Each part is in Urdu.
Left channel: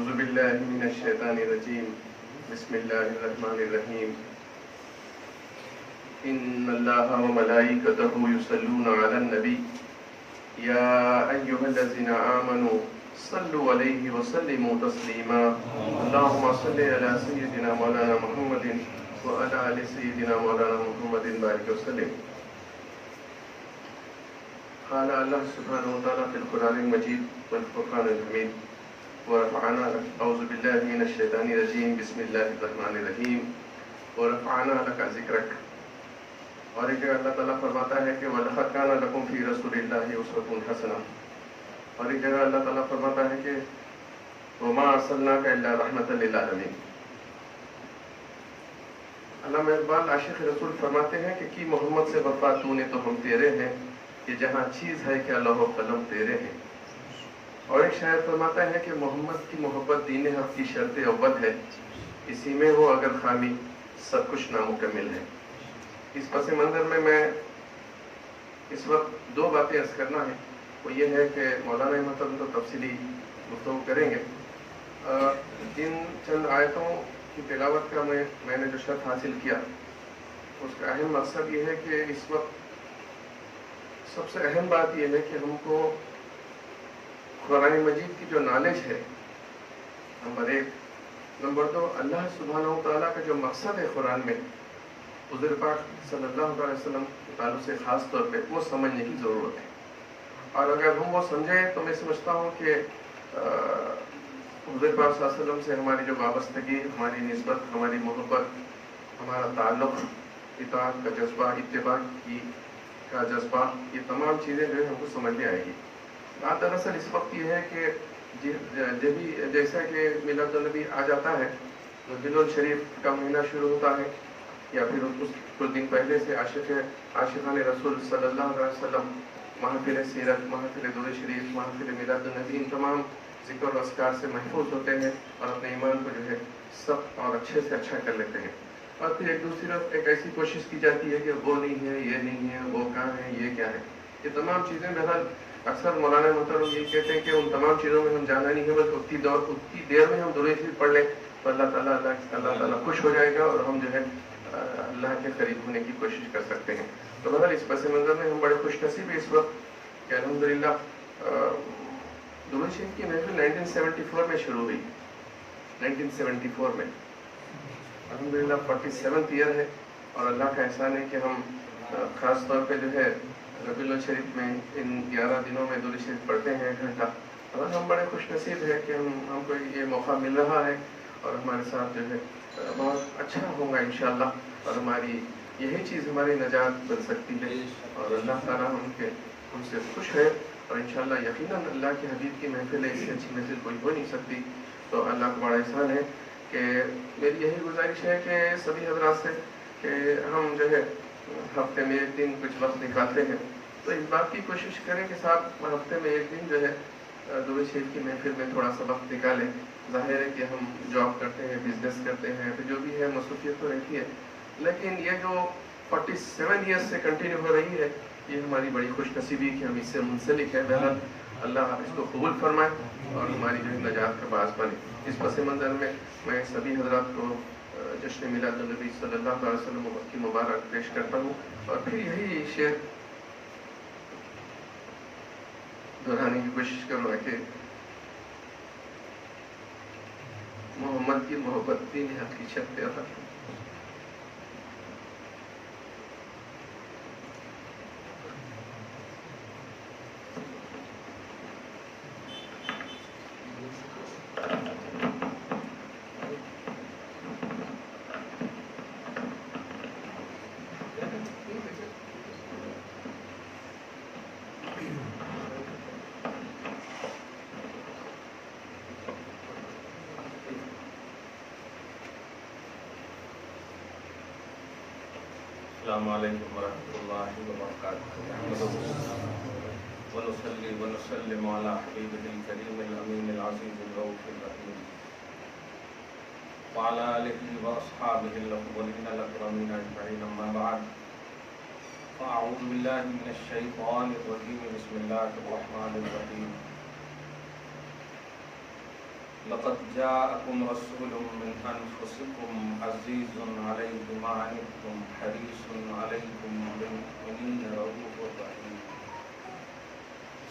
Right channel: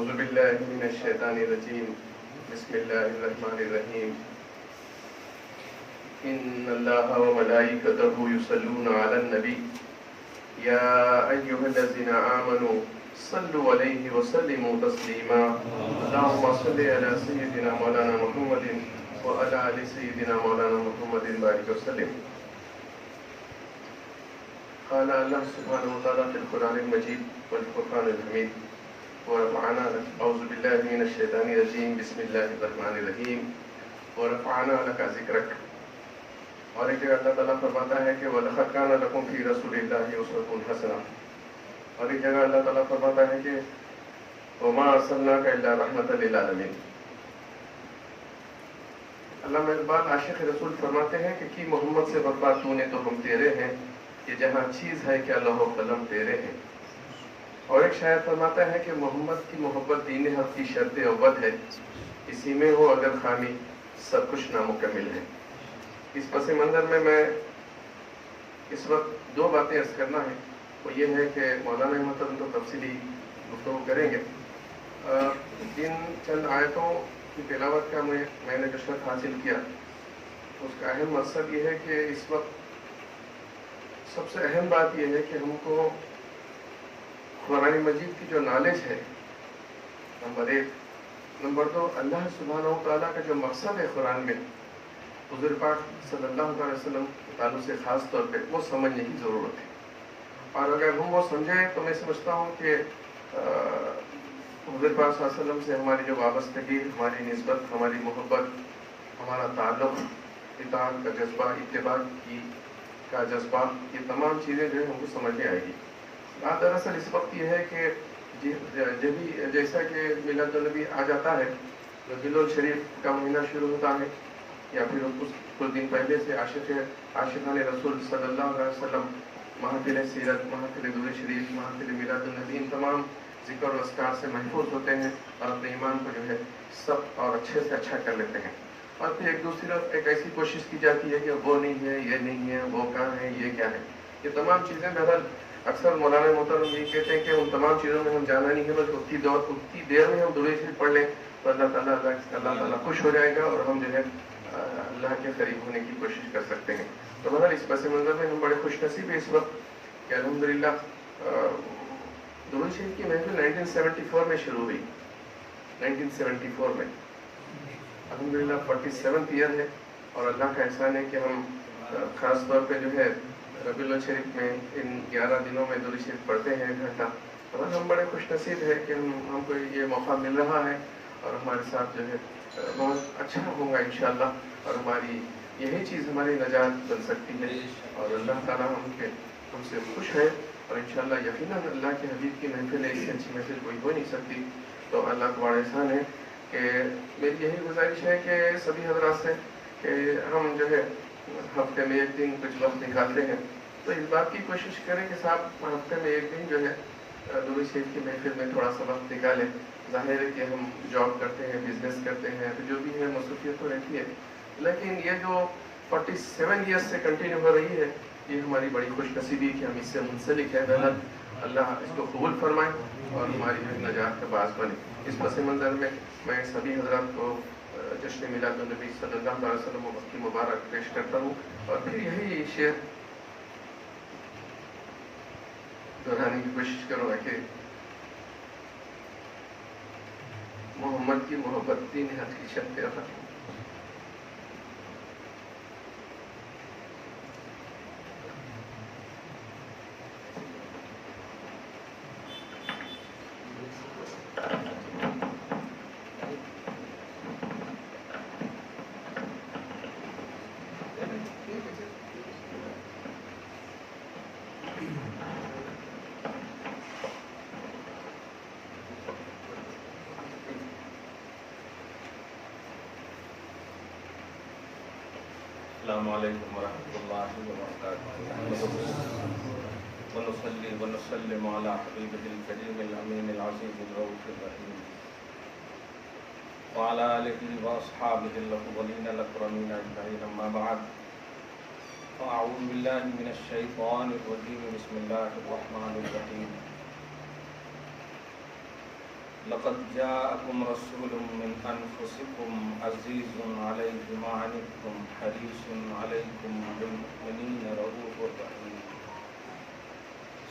أعوذ بالله من الشيطان الرجيم بسم الله الرحمن الرحيم إن الله وملائكته يصلون على النبي يا أيها الذين آمنوا صلوا عليه وسلموا تسليما اللهم صل على سيدنا مولانا محمد وعلى آل سيدنا مولانا محمد بارك وسلم. قال الله سبحانه وتعالى في القرآن المجيد والفرقان الحميد ورفعنا أعوذ بالله من الشيطان الرجيم بسم الله الرحمن الرحيم ورفعنا لك ذکرک. اور ایک جگہ اللہ تعالیٰ فرماتا ہے کہ وَلَقَدْ كَانَ لَكُمْ فِي رَسُولِ اللَّهِ أُسْوَةٌ حَسَنَةٌ. اور ایک جگہ اللہ تعالیٰ فرماتا ہے کہ وَمَا أَرْسَلْنَاكَ إِلَّا رَحْمَةً لِلْعَالَمِينَ. علامہ اقبال عاشق رسول فرماتے ہیں کہ کی محمد سے وفا تو نے تو ہم تیرے ہیں کہ جہاں چیز ہے کیا لوح و قلم تیرے ہیں. اور ایک شاعر فرماتا ہے کہ محمد کی محبت دین حق کی شرط اول ہے, اسی میں ہو اگر خامی سب کچھ نامکمل ہے. اس پس منظر میں اس وقت دو باتیں عرض کرنا ہے. وہ یہ ہے کہ مولانا محترم تو تفصیلی گفتگو کریں گے. ان چند آیتوں کی تلاوت کا میں نے جو شرط حاصل کیا اس کا اہم مقصد یہ ہے کہ اس وقت سب سے اہم بات یہ ہے کہ ہم کو قرآن مجید کی جو نالج ہے نمبر 1, نمبر 2 اللہ سبحانہ و تعالیٰ کا جو مقصد ہے قرآن میں حضور پاک صلی اللہ علیہ وسلم کے تعلق سے خاص طور پہ وہ سمجھنے کی ضرورت ہے. اور اگر ہم وہ سمجھیں تو میں سمجھتا ہوں کہ حضور پاک صلی اللہ علیہ وسلم سے ہماری جو وابستگی, ہماری نسبت, ہماری محبت, ہمارا تعلق, اطاعت کا جذبہ, اتباع کا جذبہ, یہ تمام چیزیں جو ہے ہم کو سمجھ میں آئے گی. بات دراصل اس وقت یہ ہے کہ جیسا کہ میلاد النبی آ جاتا ہے, ربیع الشریف کا مہینہ شروع ہوتا ہے, یا پھر کچھ دن پہلے سے عاشقان رسول صلی اللہ علیہ وسلم محافل سیرت, محافل درود شریف, محافل میلاد النبی ان تمام ذکر و اذکار سے محفوظ ہوتے ہیں اور اپنے ایمان کو جو ہے سخت اور اچھے سے اچھا کر لیتے ہیں. اور پھر ایک دوسری طرف ایک ایسی کوشش کی جاتی ہے کہ وہ نہیں ہے, یہ نہیں ہے, وہ کہاں ہے, یہ کیا ہے. یہ تمام چیزیں بہرحال اکثر مولانا محترم یہ کہتے ہیں کہ ان تمام چیزوں میں ہم جانا نہیں ہے, بس اتنی دیر میں ہم درود شریف پڑھ لیں تو اللہ تعالیٰ خوش ہو جائے گا اور ہم جو ہے اللہ کے قریب ہونے کی کوشش کر سکتے ہیں. تو بہرحال اس پس منظر میں ہم بڑے خوش نصیب ہیں اس وقت کہ الحمدللہ درود شریف کی محفل 1974 میں شروع ہوئی. 1974 میں الحمدللہ 47th ایئر ہے, اور اللہ کا احسان ہے کہ ہم خاص طور پہ جو ہے ربیع الشریف میں ان 11 دنوں میں درود شریف پڑھتے ہیں 1 گھنٹہ. اور ہم بڑے خوش نصیب ہے کہ ہم کو یہ موقع مل رہا ہے اور ہمارے ساتھ جو ہے بہت اچھا ہوگا انشاءاللہ, اور ہماری یہی چیز ہماری نجات بن سکتی ہے. اور اللہ تعالیٰ ہم سے خوش ہے, اور انشاءاللہ یقیناً اللہ کے حبیب کی محفل ہے, اس سے اچھی محفل کوئی ہو نہیں سکتی. تو اللہ کا بڑا احسان ہے کہ میری یہی گزارش ہے کہ سبھی حضرات سے کہ ہم جو ہے ہفتے میں 1 دن کچھ وقت نکالتے ہیں تو اس بات کی کوشش کریں کہ صاحب ہفتے میں 1 دن جو ہے درود شریف کی محفل میں تھوڑا سا وقت نکالیں. ظاہر ہے کہ ہم جاب کرتے ہیں, بزنس کرتے ہیں, تو جو بھی ہے مصروفیت تو رہتی ہے, لیکن یہ جو 47 ایئرس سے کنٹینیو ہو رہی ہے یہ ہماری بڑی خوش نصیبی کہ ہم اس سے منسلک ہیں. بہرحال اللہ اس کو قبول فرمائے اور ہماری جو نجات کا باعث بنے. اس پس منظر میں سبھی حضرات کو جشن میلاد النبی صلی اللہ علیہ وسلم کی مبارک پیش کرتا ہوں, اور پھر یہی شعر دہرانے کی کوشش کروں گا کہ محمد کی محبت دین حق کی شرط اول. السلام علیکم ورحمۃ اللہ وبرکاتہ. ونصلی ونسلم علی حبیبہ الکریم الامین العزیز الرؤوف الرحیم وعلی آلہ واصحابہ الاولین الاکرمین اجمعین. اما بعد فاعوذ باللہ من الشیطان الرجیم. بسم اللہ الرحمن الرحیم. لقد جاءكم رسول من أنفسكم عزيز عليه ما عنتم حريص عليكم بالمؤمنين رؤوف رحيم.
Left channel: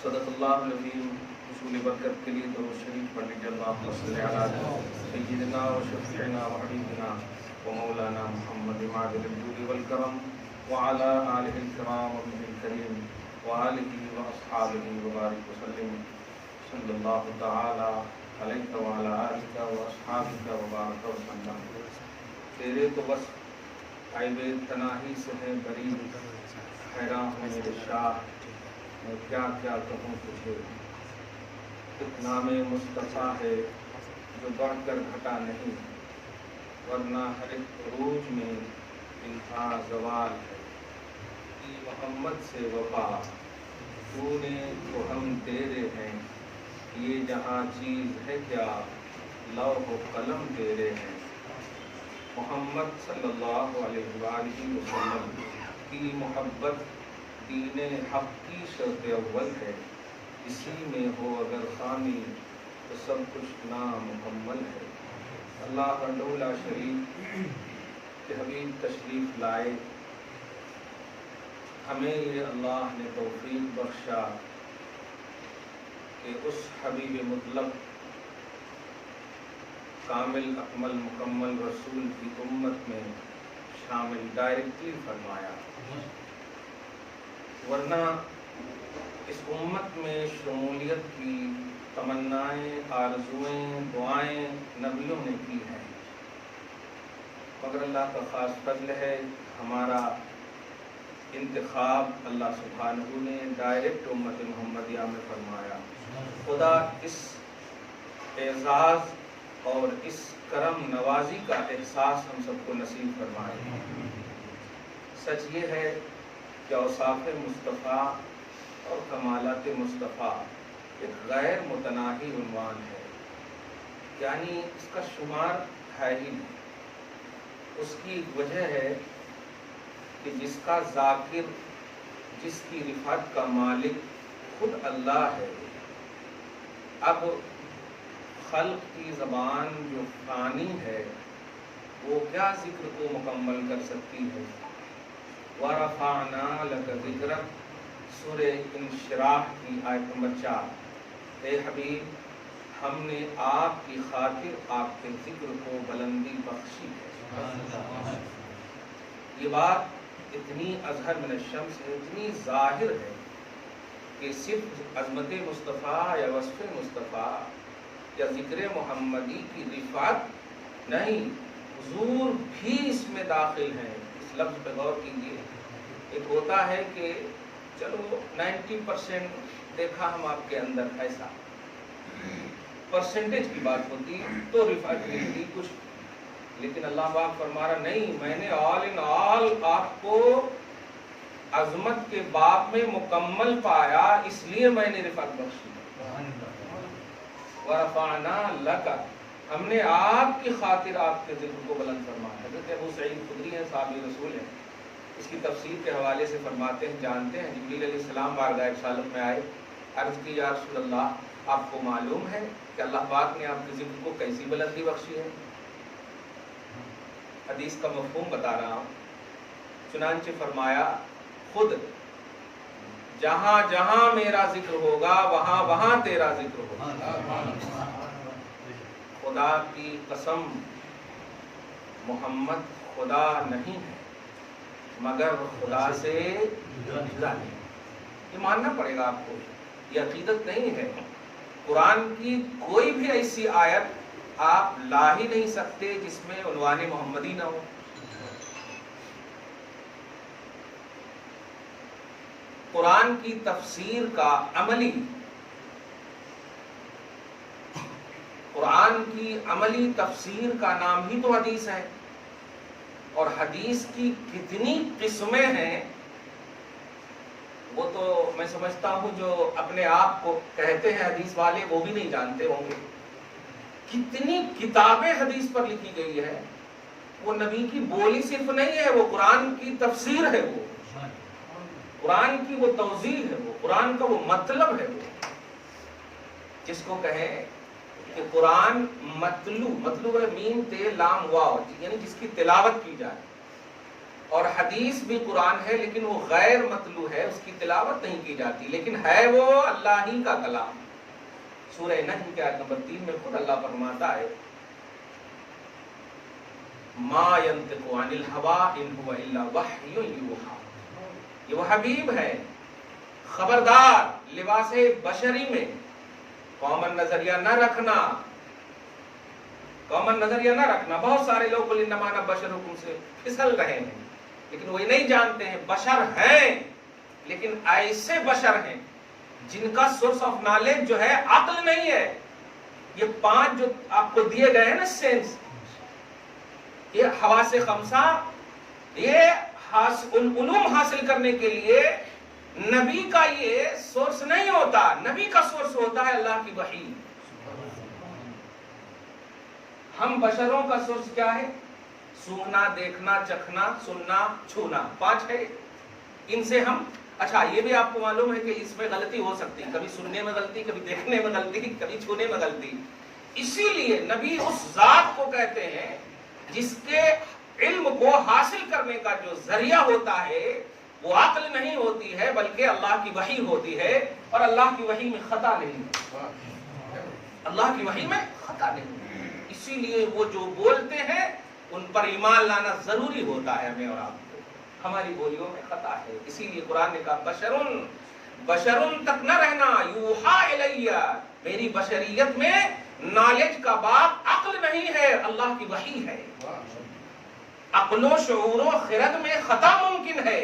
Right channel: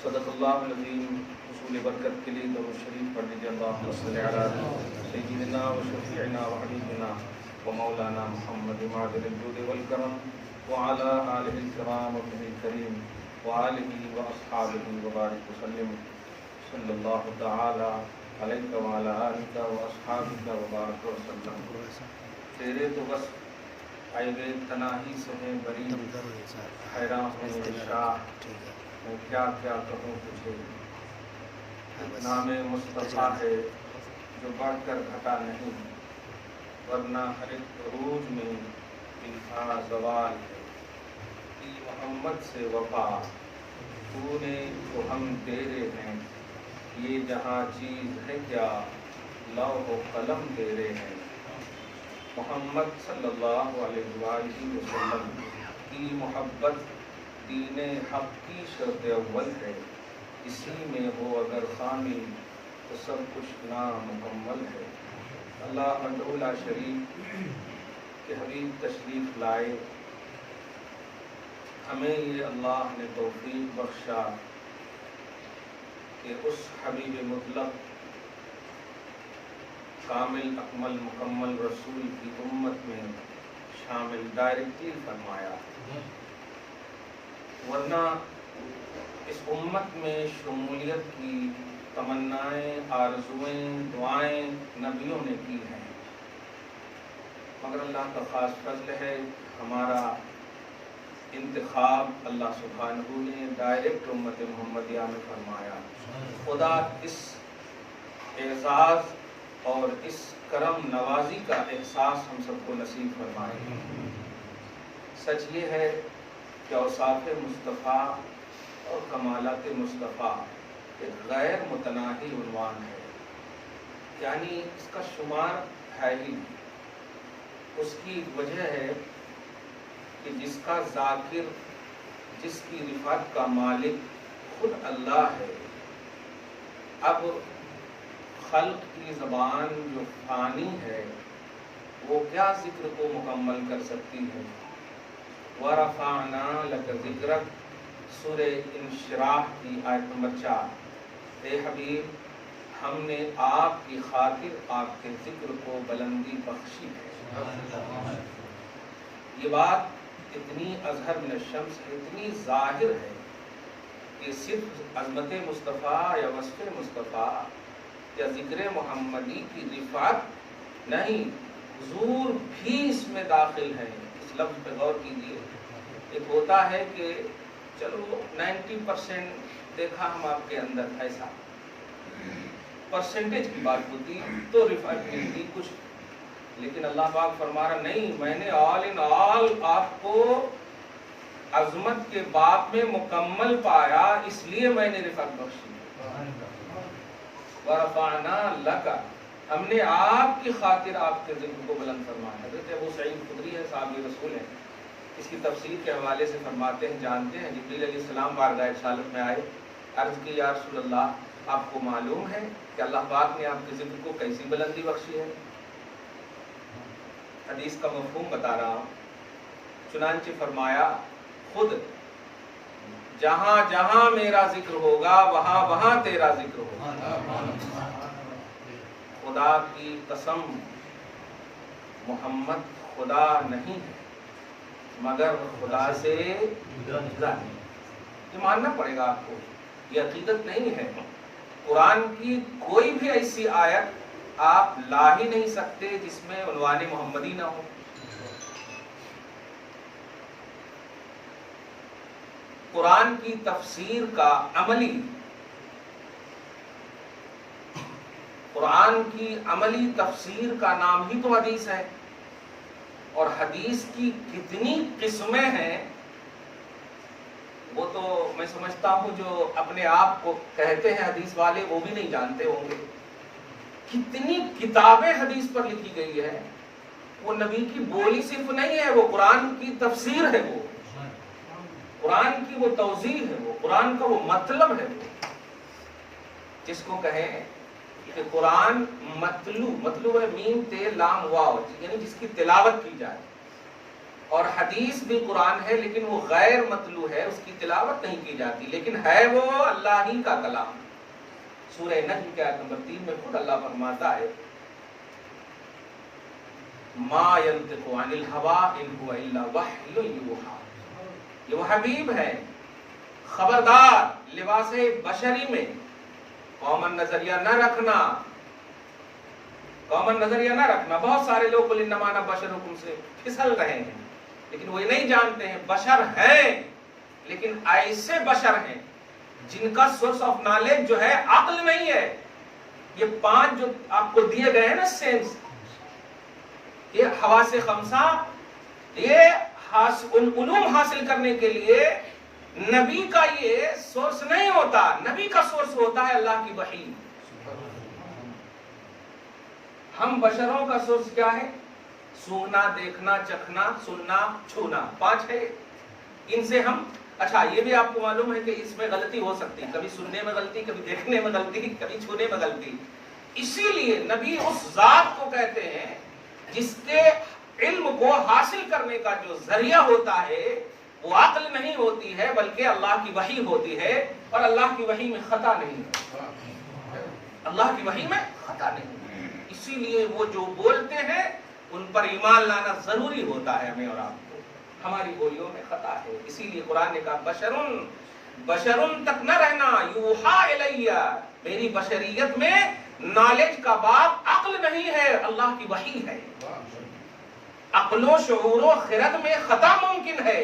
صدق اللہ العظیم. حصول برکت کے لیے درود شریف پڑھ لیجیے. اللہم صل علی سیدنا و شفیعنا و حبیبنا و مولانا محمد معدل الجود والکرم وعلى آلہ الکرام وابنہ الکریم وآلہ واصحابہ وبارک وسلم. صلی اللہ تعالی علیہ وعلی آلہ واصحابہ وبارک وسلم. تیرے تو بس عیب تناہی سے ہے بری، حیران ہوں میرے شاہ میں کیا کیا کہوں تجھے. اتنا میں مصطفیٰ ہے جو بڑھ کر گھٹا نہیں، ورنہ ہر ایک عروج میں انہا زوال ہے. کی محمد سے وفا تو نے تو ہم تیرے ہیں، یہ جہاں چیز ہے کیا لوح و قلم تیرے ہیں. محمد صلی اللہ علیہ وآلہ وسلم کی محبت دین حق کی شرط اول ہے. اسی میں ہو اگر خامی تو سب کچھ نامکمل ہے. اللہ وحدہ لا شریک کے حبیب تشریف لائے. ہمیں یہ اللہ نے توفیق بخشا کہ اس حبیب مطلق کامل اکمل مکمل رسول کی امت میں شامل ڈائریکٹلی فرمایا. ورنہ اس امت میں شمولیت کی تمنائیں، آرزویں، دعائیں نبیوں نے کی ہیں، مگر اللہ کا خاص فضل ہے ہمارا انتخاب اللہ سبحانہ نے ڈائریکٹ امت محمدیہ میں فرمایا. خدا اس اعزاز اور اس کرم نوازی کا احساس ہم سب کو نصیب فرمائے. سچ یہ ہے کہ اوصاف مصطفیٰ اور کمالات مصطفیٰ ایک غیر متناہی عنوان ہے، یعنی اس کا شمار ہے ہی نہیں. اس کی وجہ ہے کہ جس کا ذاکر، جس کی رفعت کا مالک خود اللہ ہے. اب خلق کی زبان جو فانی ہے وہ کیا ذکر کو مکمل کر سکتی ہے. وَرَفَعْنَا لَكَ ذِكْرَكَ سورہ انشراح کی آیت نمبر 4. اے حبیب ہم نے آپ کی خاطر آپ کے ذکر کو بلندی بخشی ہے. یہ بات اتنی اظہر من الشمس ہے، اتنی ظاہر ہے کہ صرف عظمت مصطفیٰ یا وصف مصطفیٰ یا ذکر محمدی کی رفعت نہیں، حضور بھی اس میں داخل ہیں. اس لفظ پہ غور کیجیے. ایک ہوتا ہے کہ چلو 90% دیکھا ہم آپ کے اندر، ایسا پرسنٹیج کی بات ہوتی تو رفعت ملتی کچھ، لیکن اللہ پاک فرما رہا نہیں، میں نے آل ان آل آپ کو عظمت کے باب میں مکمل پایا، اس لیے میں نے رفعت بخشی. وَرَفَعْنَا لَكَ ہم نے آپ کی خاطر آپ کے ذکر کو بلند فرمایا. حضرت ابو سعید خدری ہیں، صحابی رسول ہیں. اس کی تفسیر کے حوالے سے فرماتے ہیں، جانتے ہیں جبریل علیہ السلام بارگاہ رسالت میں آئے، عرض کی یا رسول اللہ آپ کو معلوم ہے کہ اللہ پاک نے آپ کے ذکر کو کیسی بلندی بخشی ہے. حدیث کا مفہوم بتا رہا ہوں. چنانچہ فرمایا خود جہاں جہاں میرا ذکر ہوگا وہاں وہاں تیرا ذکر ہوگا. خدا کی قسم محمد خدا نہیں ہے مگر خدا سے جدا نہیں. یہ ماننا پڑے گا آپ کو، یہ عقیدت نہیں ہے. قرآن کی کوئی بھی ایسی آیت آپ لا ہی نہیں سکتے جس میں عنوان محمدی نہ ہو. قرآن کی تفسیر کا عملی، قرآن کی عملی تفسیر کا نام ہی تو حدیث ہے. اور حدیث کی کتنی قسمیں ہیں وہ تو میں سمجھتا ہوں جو اپنے آپ کو کہتے ہیں حدیث والے وہ بھی نہیں جانتے ہوں گے. کتنی کتابیں حدیث پر لکھی گئی ہے. وہ نبی کی بولی صرف نہیں ہے، وہ قرآن کی تفسیر ہے، وہ قرآن کی وہ توضیح ہے، وہ قرآن کا وہ مطلب ہے. وہ جس کو کہیں کہ قرآن مطلوب میم تے لام واو یعنی جس کی تلاوت کی جائے، اور حدیث بھی قرآن ہے لیکن وہ غیر مطلوع ہے، اس کی تلاوت نہیں کی جاتی، لیکن ہے وہ اللہ ہی کا کلام۔ سورہ نحل کی آیت نمبر 3 میں خود اللہ فرماتا ہے ما ينطق عن الهوى ان هو الا وحی یوحی، یہ وہ حبیب ہے، خبردار لباس بشری میں کامن نظریہ نہ رکھنا، کامن نظریہ نہ رکھنا۔ بہت سارے لوگ انما انا بشر حکم سے پھسل رہے ہیں، لیکن وہ یہ نہیں جانتے ہیں بشر ہیں، لیکن ایسے بشر ہیں جن کا سورس آف نالج جو ہے عقل نہیں ہے۔ یہ 5 جو آپ کو دیے گئے ہیں نا سینس، یہ حواس خمسہ، یہ علوم حاصل کرنے کے لیے نبی کا یہ سورس نہیں ہوتا، نبی کا سورس ہوتا ہے اللہ کی وحی۔ ہم بشروں کا سورس کیا ہے؟ سونگنا، دیکھنا، چکھنا، سننا، چھونا، 5 ہے۔ ان سے ہم اچھا یہ بھی آپ کو معلوم ہے کہ اس میں غلطی ہو سکتی، کبھی سننے میں غلطی، کبھی دیکھنے میں غلطی، کبھی چھونے میں غلطی۔ اسی لیے نبی اس ذات کو کہتے ہیں جس کے علم کو حاصل کرنے کا جو ذریعہ ہوتا ہے وہ عقل نہیں ہوتی ہے بلکہ اللہ کی وحی ہوتی ہے، اور اللہ کی وحی میں خطا نہیں ہے، اللہ کی وحی میں خطا نہیں ہے۔ اسی لیے وہ جو بولتے ہیں ان پر ایمان لانا ضروری ہوتا ہے ہمیں اور آپ کو، ہماری بولیوں میں خطا ہے۔ اسی لیے قرآن نے کہا بشرن تک نہ رہنا، یوحا الیہ، میری بشریت میں نالج کا باب عقل نہیں ہے، اللہ کی وحی ہے۔ عقل و شعور و خرد میں خطا ممکن ہے،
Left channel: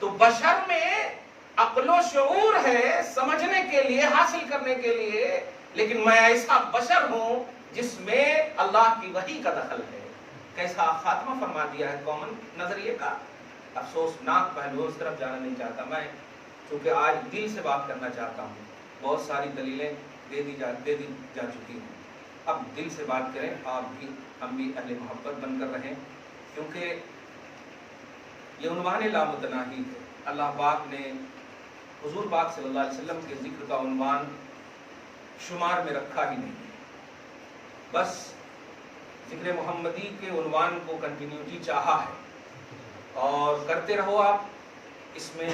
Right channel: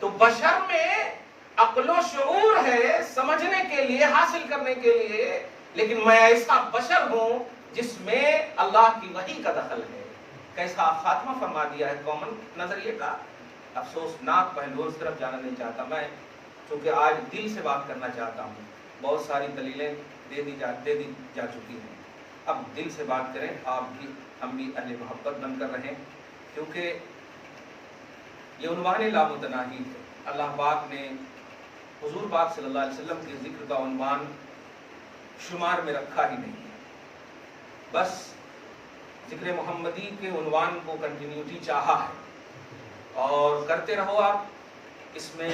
تو بشر میں عقل و شعور ہے سمجھنے کے لیے، حاصل کرنے کے لیے، لیکن میں ایسا بشر ہوں جس میں اللہ کی وحی کا دخل ہے۔ کیسا خاتمہ فرما دیا ہے کامن نظریے کا۔ افسوسناک پہلو، اس طرف جانا نہیں چاہتا میں، چونکہ آج دل سے بات کرنا چاہتا ہوں۔ بہت ساری دلیلیں دے دی جا چکی ہیں، اب دل سے بات کریں، آپ بھی ہم بھی اہل محبت بن کر رہیں، کیونکہ یہ عنوان لامتناہی ہے۔ اللہ پاک نے حضور پاک صلی اللہ علیہ وسلم کے ذکر کا عنوان شمار میں رکھا ہی نہیں ہے، بس ذکر محمدی کے عنوان کو کنٹینیوٹی چاہا ہے، اور کرتے رہو آپ، اس میں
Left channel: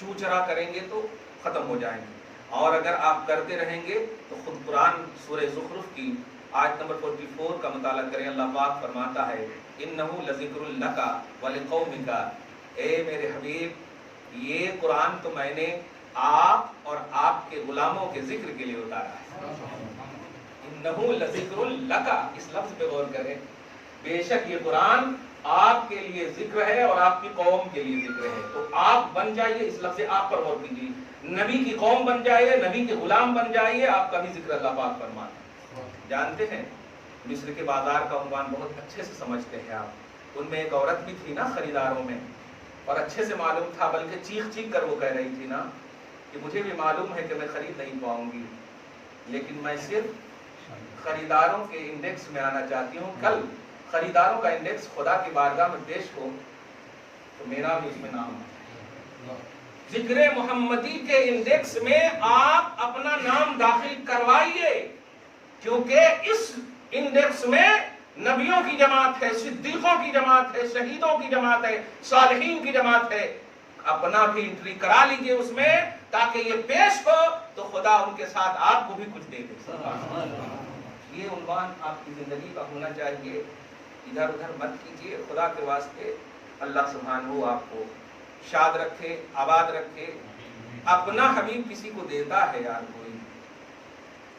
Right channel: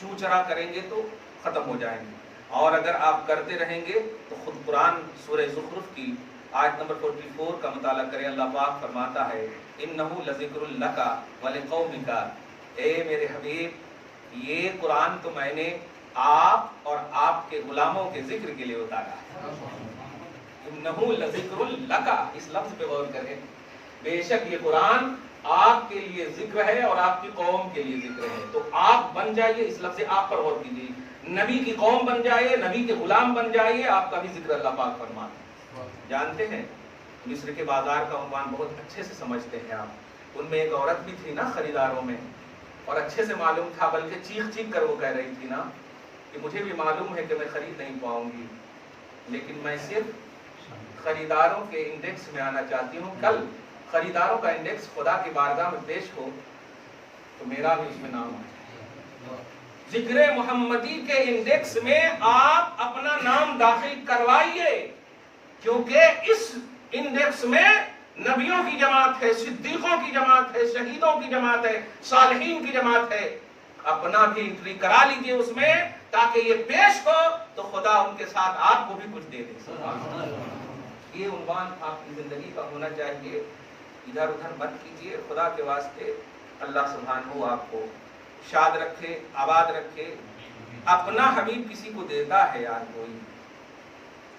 چوں چرا کریں گے تو ختم ہو جائیں گے، اور اگر آپ کرتے رہیں گے تو خود قرآن سورہ زخرف کی آیت نمبر 44 کا مطالعہ کریں، اللہ پاک فرماتا ہے انہو لذکر لک ولقومک، اے میرے حبیب یہ قرآن تو میں نے آپ اور آپ کے غلاموں کے ذکر کے لیے اتارا ہے۔ انہو لذکر لک، اس لفظ پہ غور کریں، بے شک یہ قرآن آپ کے لیے ذکر ہے اور آپ کی قوم کے لیے ذکر ہے، تو آپ بن جائیے، اس لفظ آپ پر غور کیجیے، نبی کی قوم بن جائیے، نبی کے غلام بن جائیے، آپ کا بھی ذکر اللہ پاک فرماتے ہیں۔ جانتے ہیں مصر کے بازار کا عنوان بہت اچھے سے سمجھتے ہیں آپ، ان میں ایک عورت بھی تھی نا خریداروں میں، اور اچھے سے معلوم تھا، بلکہ چیخ چیخ کر وہ کہہ رہی تھی نا کہ مجھے بھی معلوم ہے کہ میں خرید نہیں پاؤں گی، لیکن میں صرف خریداروں کے انڈیکس میں آنا چاہتی ہوں، کل خریداروں کا انڈیکس خدا کی بارگاہ میں پیش ہو تو میرا بھی اس میں نام آ جائے۔ ذکر محمدی کے انڈیکس میں آپ اپنا نام داخل کروائیے، کیونکہ اس انڈیکس میں نبیوں کی جماعت ہے، صدیقوں کی جماعت ہے، شہیدوں کی جماعت ہے، صالحین کی جماعت ہے، اپنا بھی انٹری کرا لیجئے اس میں، تاکہ یہ پیش ہو تو خدا ان کے ساتھ آپ کو بھی کچھ دے دے۔ یہ عنوان آپ کی زندگی کا ہونا چاہیے، ادھر ادھر مت کیجیے، خدا کے واسطے اللہ سبحانہ آپ کو شاد رکھے، آباد رکھے۔ اپنا حبیب کسی کو دیتا ہے یار، کوئی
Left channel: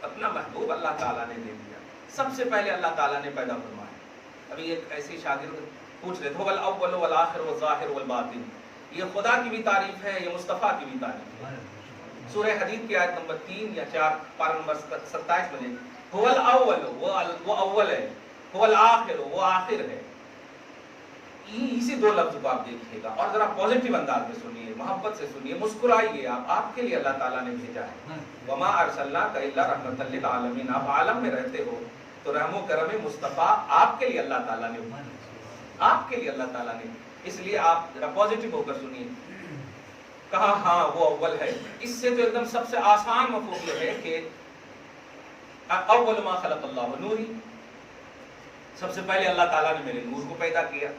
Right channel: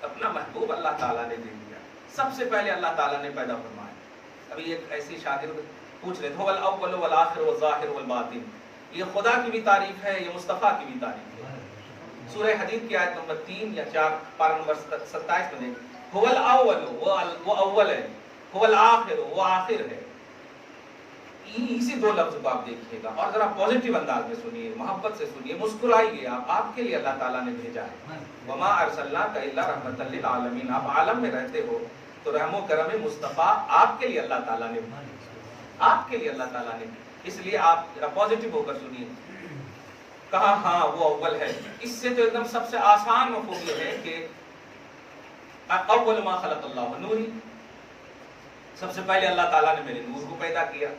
اپنا محبوب اللہ تعالیٰ نے دے دیا، سب سے پہلے اللہ تعالیٰ نے پیدا فرمایا۔ ابھی ایک ایسی شاگرد پوچھ رہے تھے هو الاول والآخر والظاہر والباطن، یہ خدا کی بھی تعریف ہے، یہ مصطفیٰ کی بھی تعریف ہے۔ سورہ حدید کی آیت نمبر 3 یا 4 پارہ نمبر 27 میں دیکھیں، هو الاول وہ اول ہے، هو الآخر وہ آخر ہے۔ اسی 2 لفظ کو آپ دیکھیے گا، اور ذرا پازیٹیو انداز میں سنیے، محبت سے سنیے، مسکرائیے، آپ کے لیے اللہ تعالیٰ نے بھیجا ہے۔ وما ارسلناک الا رحمۃ للعالمین، آپ عالم میں رہتے ہو تو رحم و کرم مصطفیٰ آپ کے لیے اللہ تعالیٰ نے، آپ کے لیے اللہ تعالیٰ نے، اس لیے آپ ذرا پازیٹیو ہو کر سنیے۔ کہا، ہاں وہ اول ہے۔ اس سے تو ایک دم سب سے آسان مفہوم یہ ہے کہ اول ما خلق اللہ نوری، سب سے پہلے اللہ تعالیٰ نے میرے نور کو پیدا کیا.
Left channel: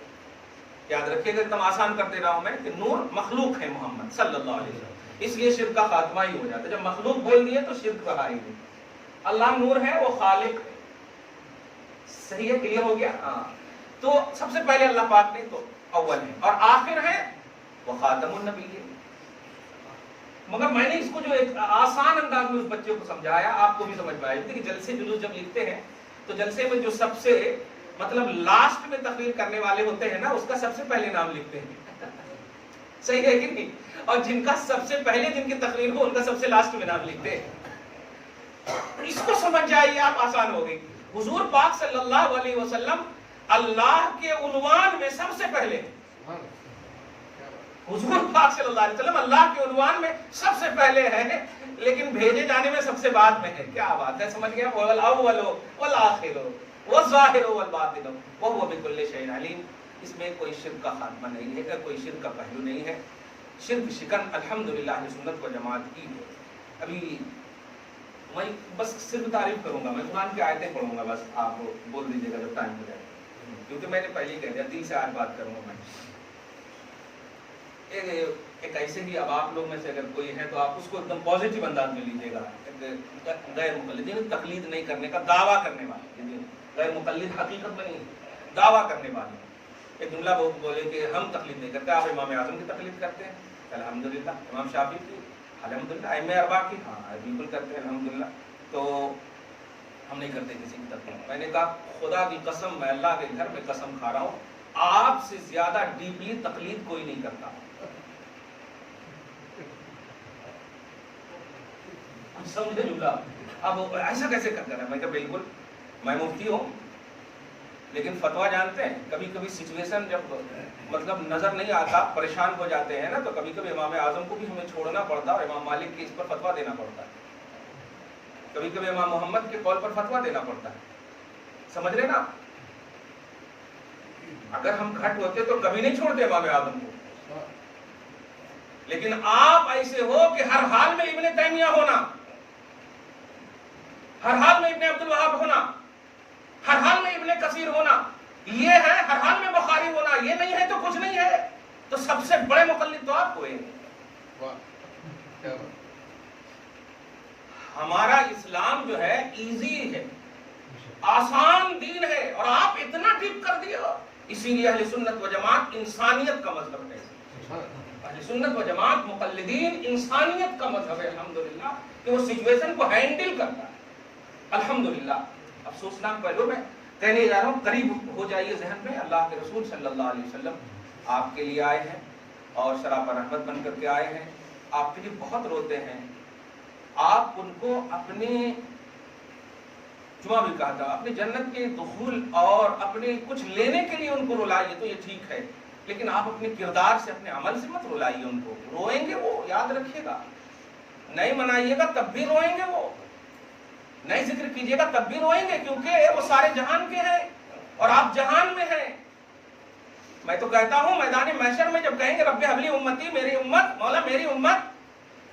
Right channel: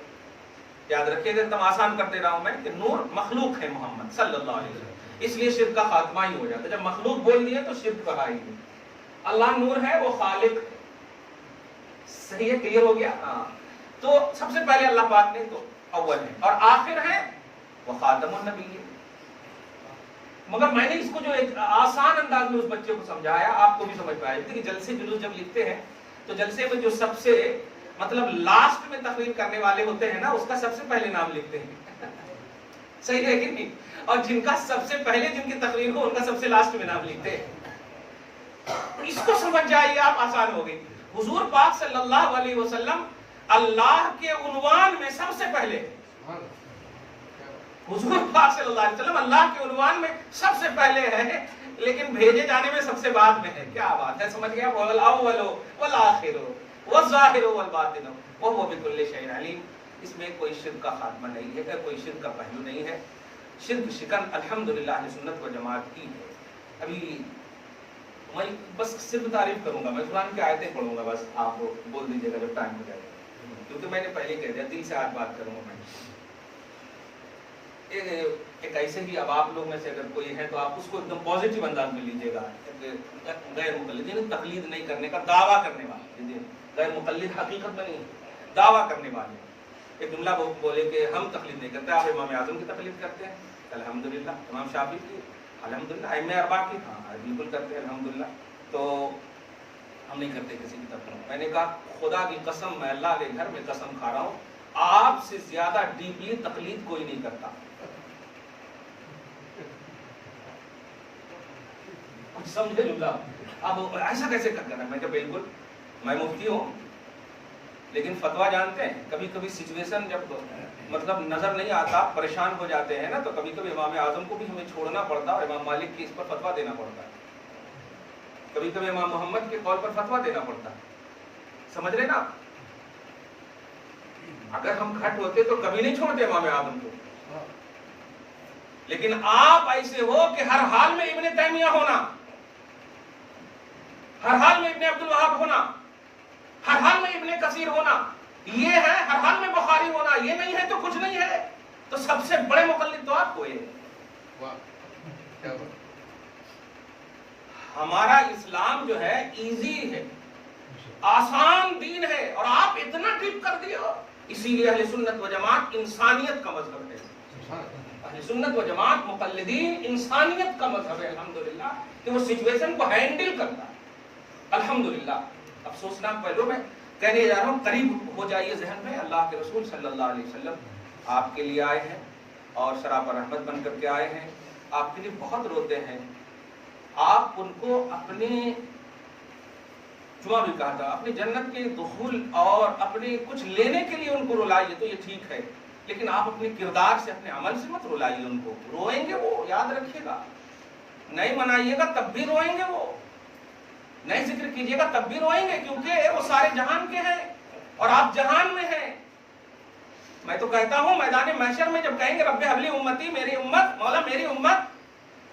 یاد رکھیے گا، تم آسان کرتے رہا ہوں میں کہ نور مخلوق ہے محمد صلی اللہ علیہ وسلم، اس لیے شرک کا خاتمہ ہی ہو جاتا ہے. جب مخلوق بول دیے تو شرک کہا ہی نہیں. اللہ نور ہے، وہ خالق ہے. صحیح ہے، کلیئر ہو گیا؟ ہاں. تو سب سے پہلے اللہ پاک نے تو اول ہے، اور آخر ہے وہ خاتم النبی ہے. مگر میں نے اس کو جو ایک آسان انداز میں اس بچے کو سمجھایا، آپ کو بھی سمجھ پائے کہ جلسے جلوس جب لکھتے ہیں تو جلسے میں جو سب سے مطلب لاسٹ میں تقریر کرنے والے ہوتے ہیں نا، اس کا سب سے پہلے نام لکھتے ہیں. صحیح ہے کہ نہیں؟ اور جن کا سب سے پہلے جن کی تقریر ہو ان کا سب سے لاسٹ میں نام لکھتے ہیں. اس کو سمجھ جائیے آپ، آسان ہوگی. حضور پاک صلی اللہ علیہ وسلم اللہ کے عنوان میں سب سے پہلے، حضور پاک صلی اللہ علیہ وسلم اللہ کے عنوان میں سب سے پہلے ہے، لیکن بھیجے جانے میں سب سے بعد میں ہے. کیا بات ہے، سمجھ گیا؟ وَالْأَوَّلُ وَالْآخِرُ وَالظَّاهِرُ وَالْبَاطِنُ وَهُوَ بِكُلِّ شَيْءٍ عَلِيمٌ. اس میں کوئی شرک کا خاتمہ نہیں ہے، کوئی شرک کا پہلو نہیں ہے. شرک شکن الحمدللہ اہل سنت و جماعت کی ہے. ابھی میں بس صرف تعریف کروں گا، میں قرآن کی آیتیں پڑھوں گا، بس آپ بول دیجیے گا جب ٹائم ہو جائے گا، کیونکہ میں نے پہلے ہی کہہ دیا دل سے آج بات کروں گا. میں ایک ایسے ہی، اب آپ لوگ میں سے اگر کوئی ہے تو آپ اس کو ایک دم پازیٹیو انداز میں لیجیے گا. غیر مقلدین، تقلید نہیں کرنے کا دعویٰ کرنے والے، غیر مقلد حقیقت میں نہیں، دعویٰ کرنے والے. ایک جملہ بولے کہ ہم تقلید نہیں کرتے، آپ امام اعظم کی تقلید کرتے ہیں الحمدللہ، امام شافعی کی الحمدللہ، ائمہ اربعہ کی ہاں بالکل کرتے ہیں الحمدللہ. تو ہم نہیں کرتے کسی کی تقلید. میں نے کہا خدا کی قسم، میں اللہ کے گھر میں قسم کھا رہا ہوں، آپ سے زیادہ ڈیپلی تقلید کوئی نہیں کرتا. سمجھے جملہ؟ اب ایسا کیسے کرتا ہے؟ میں کہ بالکل میں مفتی ہوں، لیکن فتویٰ جانتے ہیں، کبھی کبھی سچویشن جب مطلب نظر نہیں آتا، پریشان ہو جاتے ہیں نا، تو کبھی کبھی امام اعظم کو بھی ہمیں چھوڑنا پڑتا ہے اور امام مالک کی اس پر فتویٰ دینا پڑتا ہے. کبھی کبھی امام محمد کے قول پر فتویٰ دینا پڑتا ہے. سمجھ رہے نا؟ اگر ہم گھٹ ہوتے تو کبھی نہیں چھوڑتے امام اعظم کو، لیکن آپ ایسے ہو کہ ہر حال میں ابن تیمیہ ہونا، ہر حال میں ابن عبد الوہاب ہونا، ہر حال میں ابن کثیر ہونا، یہ ہے ہر حال میں بخاری ہونا، یہ نہیں ہے تو کچھ نہیں ہے. تو سب سے بڑے مقلد تو آپ کو ہے. ہمارا اسلام جو ہے ایزی ہے، آسان دین ہے، اور آپ اتنا ڈیپ کر دیے. اسی لیے اہل سنت و جماعت انسانیت کا مذہب ہے. اہل سنت و جماعت مقلدین انسانیت کا مذہب ہے الحمدللہ، کہ وہ سچویشن کو ہینڈل کرتا ہے الحمدللہ. افسوسناک پہلو میں کہنے جا رہا ہوں، قریب ہو جائیے ذہن میں. اللہ کے رسول صلی اللہ علیہ وسلم آپ کے لیے آئے ہیں اور شراب رحمت بن کر کے آئے ہیں. آپ کے لیے بہت روتے ہیں. آپ ان کو اپنے جمعہ بھی کہا تھا اپنی جنت کے دخول اور اپنے کچھ لینے کے لیے ان کو رلائیے تو یہ ٹھیک ہے، لیکن آپ اپنے کردار سے اپنے عمل سے مت رلائیے ان کو. روئیں گے وہ، یاد رکھیے گا. نہیں منائیے گا تب بھی روئیں گے وہ، نہیں ذکر کیجیے گا تب بھی روئیں گے، کیونکہ وہ سارے جہان کے ہیں اور آپ جہان میں ہیں. میں تو کہتا ہوں میدان محشر میں جب کہیں گے رب حبلی امتی، میری امت، مولا میری امت،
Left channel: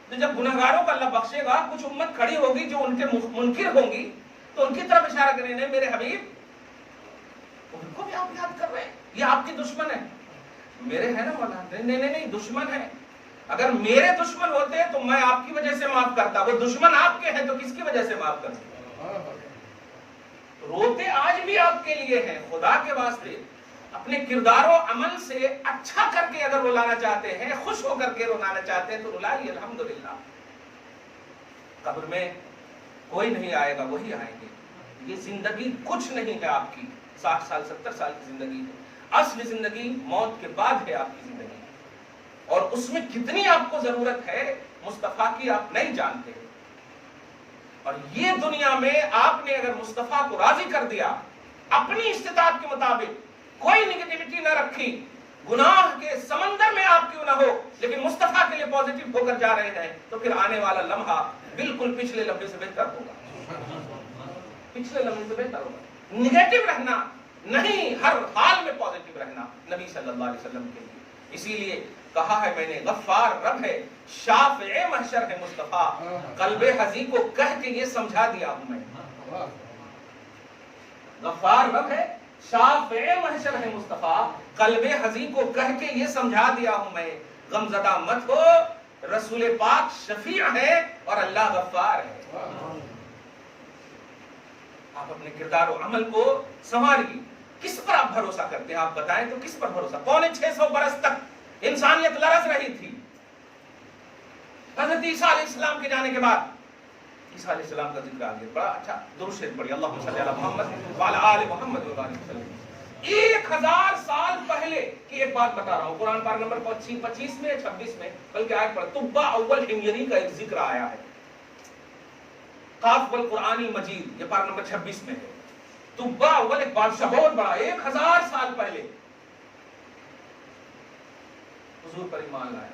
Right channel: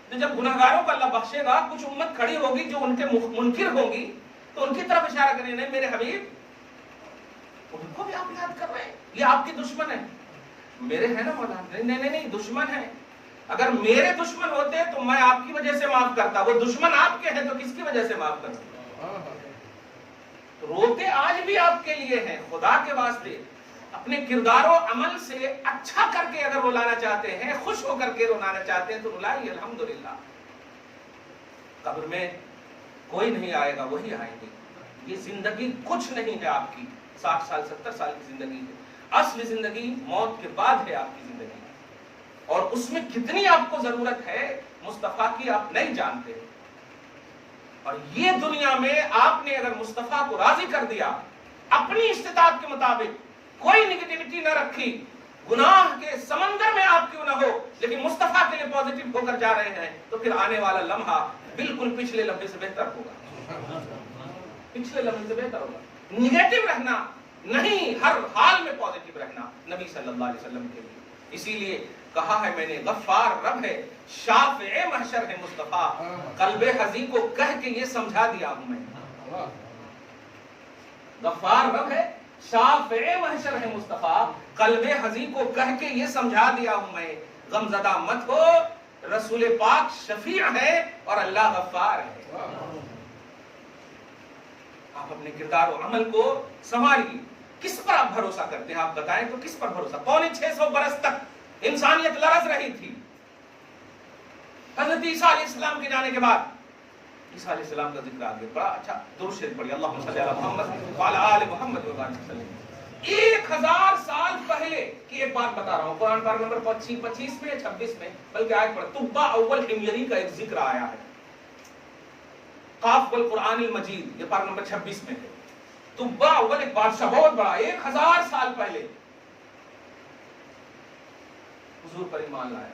تو جب گنہگاروں کو اللہ بخشے گا، کچھ امت کھڑی ہوگی جو ان کے منکر ہوں گی، تو ان کی طرف اشارہ کریں، نہیں میرے حبیب، ان کو بھی آپ یاد کر رہے ہیں، یہ آپ کی دشمن ہے. میرے ہے نا مولا؟ نہیں دشمن ہے. اگر میرے دشمن ہوتے تو میں آپ کی وجہ سے معاف کرتا، وہ دشمن آپ کے ہیں تو کس کی وجہ سے معاف کرتا؟ روتے آج بھی آپ کے لیے ہیں. خدا کے واسطے اپنے کردار و عمل سے اچھا کر کے اگر رلانا چاہتے ہیں، خوش ہو کر کے رلانا چاہتے ہیں تو رلائیے الحمدللہ. قبر میں کوئی نہیں آئے گا، وہی آئیں گے. یہ زندگی کچھ نہیں ہے آپ کی، 60 سال 70 سال کی زندگی ہے. اصل زندگی موت کے بعد ہے آپ کی زندگی، اور اس میں کتنی آپ کو ضرورت ہے مصطفیٰ کی آپ نہیں جانتے. اور یہ دنیا میں آپ نے اگر مصطفیٰ کو راضی کر دیا، اپنی استطاعت کے مطابق کوئی نگیٹیوٹی نہ رکھی، گناہ کے سمندر میں آپ کیوں نہ ہو، لیکن مصطفیٰ کے لیے پازیٹیو ہو کر جا رہے ہیں، تو پھر آنے والا لمحہ بالکل پچھلے لمحے سے بہتر ہوگا. پچھلے لمحے سے بہتر ہوگا. نگیٹو رہنا نہیں، ہر حال میں پازیٹیو رہنا نبی صلی اللہ علیہ وسلم کے لیے. اسی لیے کہا ہے میں نے غفار رب ہے، شافع محشر ہے مصطفیٰ. قلب حزی کو کہہ کے یہ سمجھا دیا ہوں میں غفار رب ہے، شافع محشر ہے مصطفیٰ، قلب حزین کو کہہ کے یہ سمجھا دیا ہوں میں، غم زدہ مت ہو، رسول پاک شفیع ہے اور اللہ غفار ہے۔ آپ اپنے کردار و عمل کو سنواریے، کس پر آپ بھروسہ کرتے ہیں؟ آپ بتائیں تو کس پر بھروسہ؟ 650 برس تک انسانیت لرز رہی تھی، حضرت عیسیٰ علیہ السلام کے جانے کے بعد عیسیٰ علیہ السلام کا ذکر آگے بڑا اچھا، دو شعر پڑھی، اللہم صلی علی محمد وعلی آل محمد وبارک وسلم۔ 1000 سال پہلے کی ایک بات بتا رہا ہوں، قرآن پاک نمبر 25 میں 26 میں بلکہ آیت پڑھ، طبہ اول حمیری کا ایک ذکر آیا ہے، قاف والقرآن المجید، یہ پاک نمبر 26 میں ہے۔ طبہ اول ایک بادشاہ بہت بڑا، 1000 سال پہلے حضور پر ایمان لایا،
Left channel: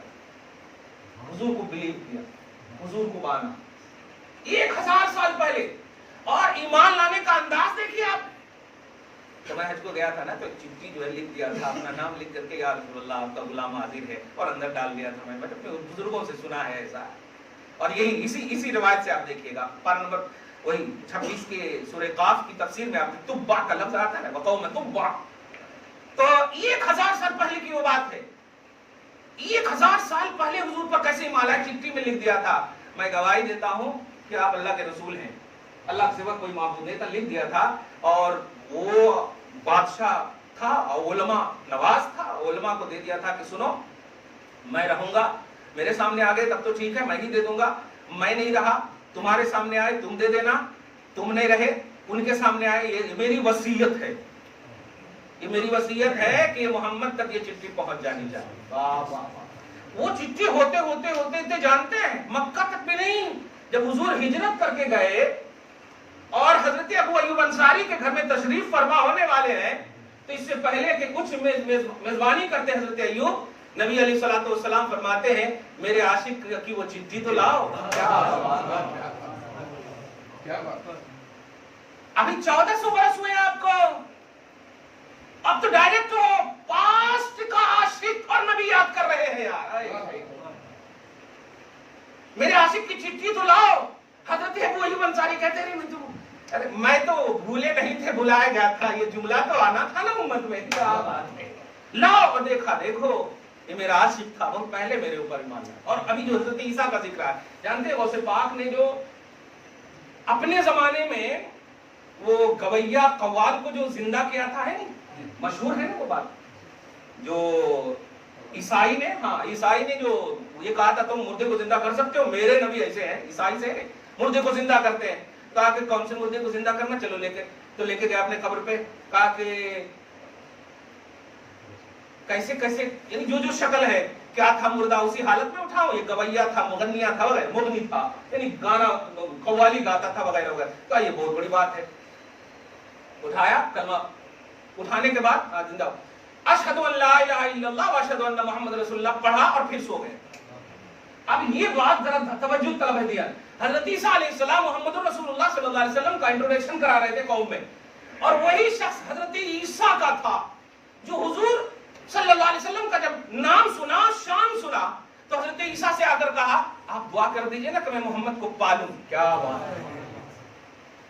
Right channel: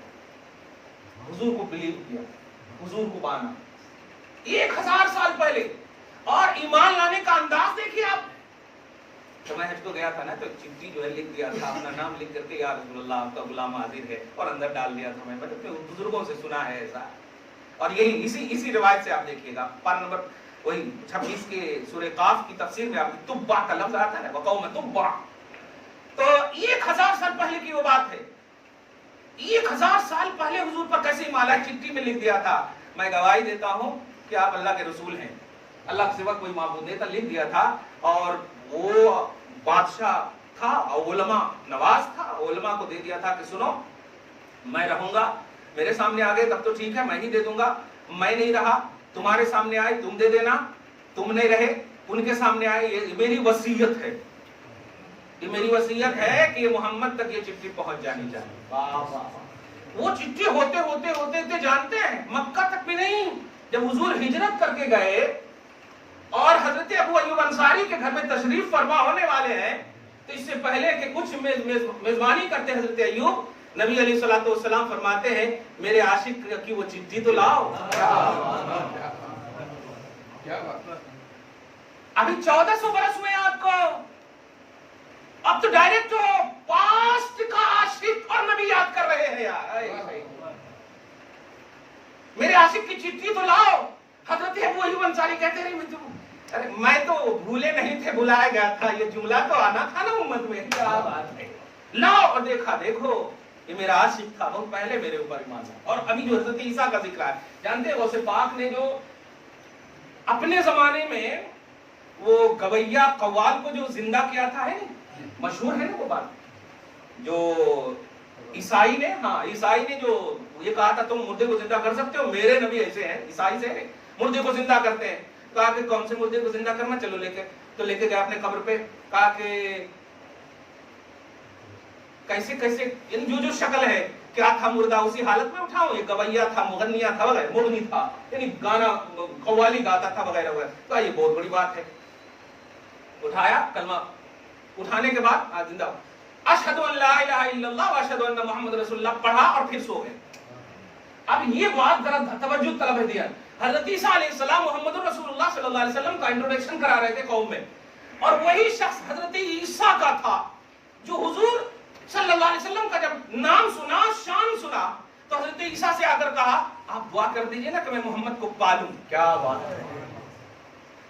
حضور کو بلیو کیا، حضور کو مانا 1000 سال پہلے، اور ایمان لانے کا انداز دیکھیے آپ۔ تو میں حج کو گیا تھا نا، تو چٹھی جو ہے لکھ دیا تھا، اپنا نام لکھ کر کے یا رسول اللہ آپ کا غلام حاضر ہے، اور اندر ڈال دیا تھا۔ میں اپنے بزرگوں سے سنا ہے ایسا، اور یہی اسی روایت سے آپ دیکھیے گا، پارہ نمبر وہی 26 کے سورہ قاف کی تفسیر میں آپ طبہ کا لفظ آتا ہے نا، وقوم طبہ، تو 1000 سال پہلے کی وہ بات ہے۔ 1000 سال پہلے حضور پر کیسے ایمان لایا، چٹھی میں لکھ دیا تھا، میں گواہی دیتا ہوں کہ آپ اللہ کے رسول ہیں، اللہ کے سوا کوئی معبود نہیں تھا، لکھ دیا تھا۔ اور وہ بادشاہ تھا، علماء نواز تھا، علماء کو دے دیا تھا کہ سنو، میں رہوں گا، میرے سامنے آ گئے تب تو ٹھیک ہے، میں ہی دے دوں گا، میں نہیں رہا تمہارے سامنے آئے تم دے دینا، تم نہیں رہے ان کے سامنے آئے، یہ میری وصیت ہے، یہ میری وصیت ہے کہ محمد تک یہ چٹھی پہنچ جانی چاہیے۔ وہ چٹھی ہوتے ہوتے ہوتے تھے، جانتے ہیں مکہ تک بھی نہیں، جب حضور ہجرت کر کے گئے اور حضرت ابو ایوب انصاری کے گھر میں تشریف فرما ہونے والے ہیں، تو اس سے پہلے کہ کچھ میزبانی کرتے حضرت ایوب، نبی علیہ الصلوۃ والسلام فرماتے ہیں میرے عاشق کی وہ چٹھی تو لاؤ۔ کیا بات، ابھی 1400 برس ہوئے آپ کو، اب تو ڈائریکٹ پاسٹ کا عاشق اور نبی یاد کر رہے ہیں یار۔ میرے عاشق کی چٹھی تو لاؤ۔ حضرت ابو ایوب انصاری کہتے ہیں میں تو بھولے نہیں تھے، بلایا گیا تھا، یہ جملہ تو آنا تھا نا امت میں، کیا بات ہے، لاؤ۔ اور دیکھو یہ میرا عاشق تھا، بہت پہلے میرے اوپر ایمان لایا۔ اور ابھی جو حضرت عیسیٰ کا ذکر ہے، جانتے ہیں غوث پاک نے جو اپنے زمانے میں وہ گویا قوال کو جو زندہ کیا تھا، ہے مشہور ہے نا وہ بات، جو عیسائی نے جو یہ کہا تھا تم مردے کو زندہ کر سکتے ہو، میرے نبی ایسے ہیں، عیسائی سے مردے کو زندہ کرتے ہیں۔ کہا کہ کون سے مردے کو زندہ کرنا، چلو لے کے گئے اپنے قبر پہ، کہا کہ کیسے یعنی جو شکل ہے، کیا تھا مردہ اسی حالت میں اٹھاؤ، یہ گویا تھا، مغنیہ تھا وغیرہ، مغنی تھا یعنی گانا قوالی گاتا تھا وغیرہ وغیرہ، کہا یہ بہت بڑی بات ہے۔ اٹھایا کلمہ، اٹھانے کے بعد زندہ، اشہد ان لا الہ الا اللہ واشہد ان محمد رسول اللہ پڑھا اور پھر سو گئے۔ اب یہ بات ذرا توجہ طلب ہے دیا، حضرت عیسیٰ علیہ السلام محمد رسول اللہ صلی اللہ علیہ وسلم کا انٹروڈکشن کرا رہے تھے قوم میں، اور وہی شخص حضرت عیسیٰ کا تھا جو حضور صلی اللہ علیہ وسلم کا جب نام سنا، شان سنا، تو حضرت عیسیٰ سے آ کر کہا آپ دعا کر دیجئے نا کہ میں محمد کو پالوں۔ کیا بات ہے،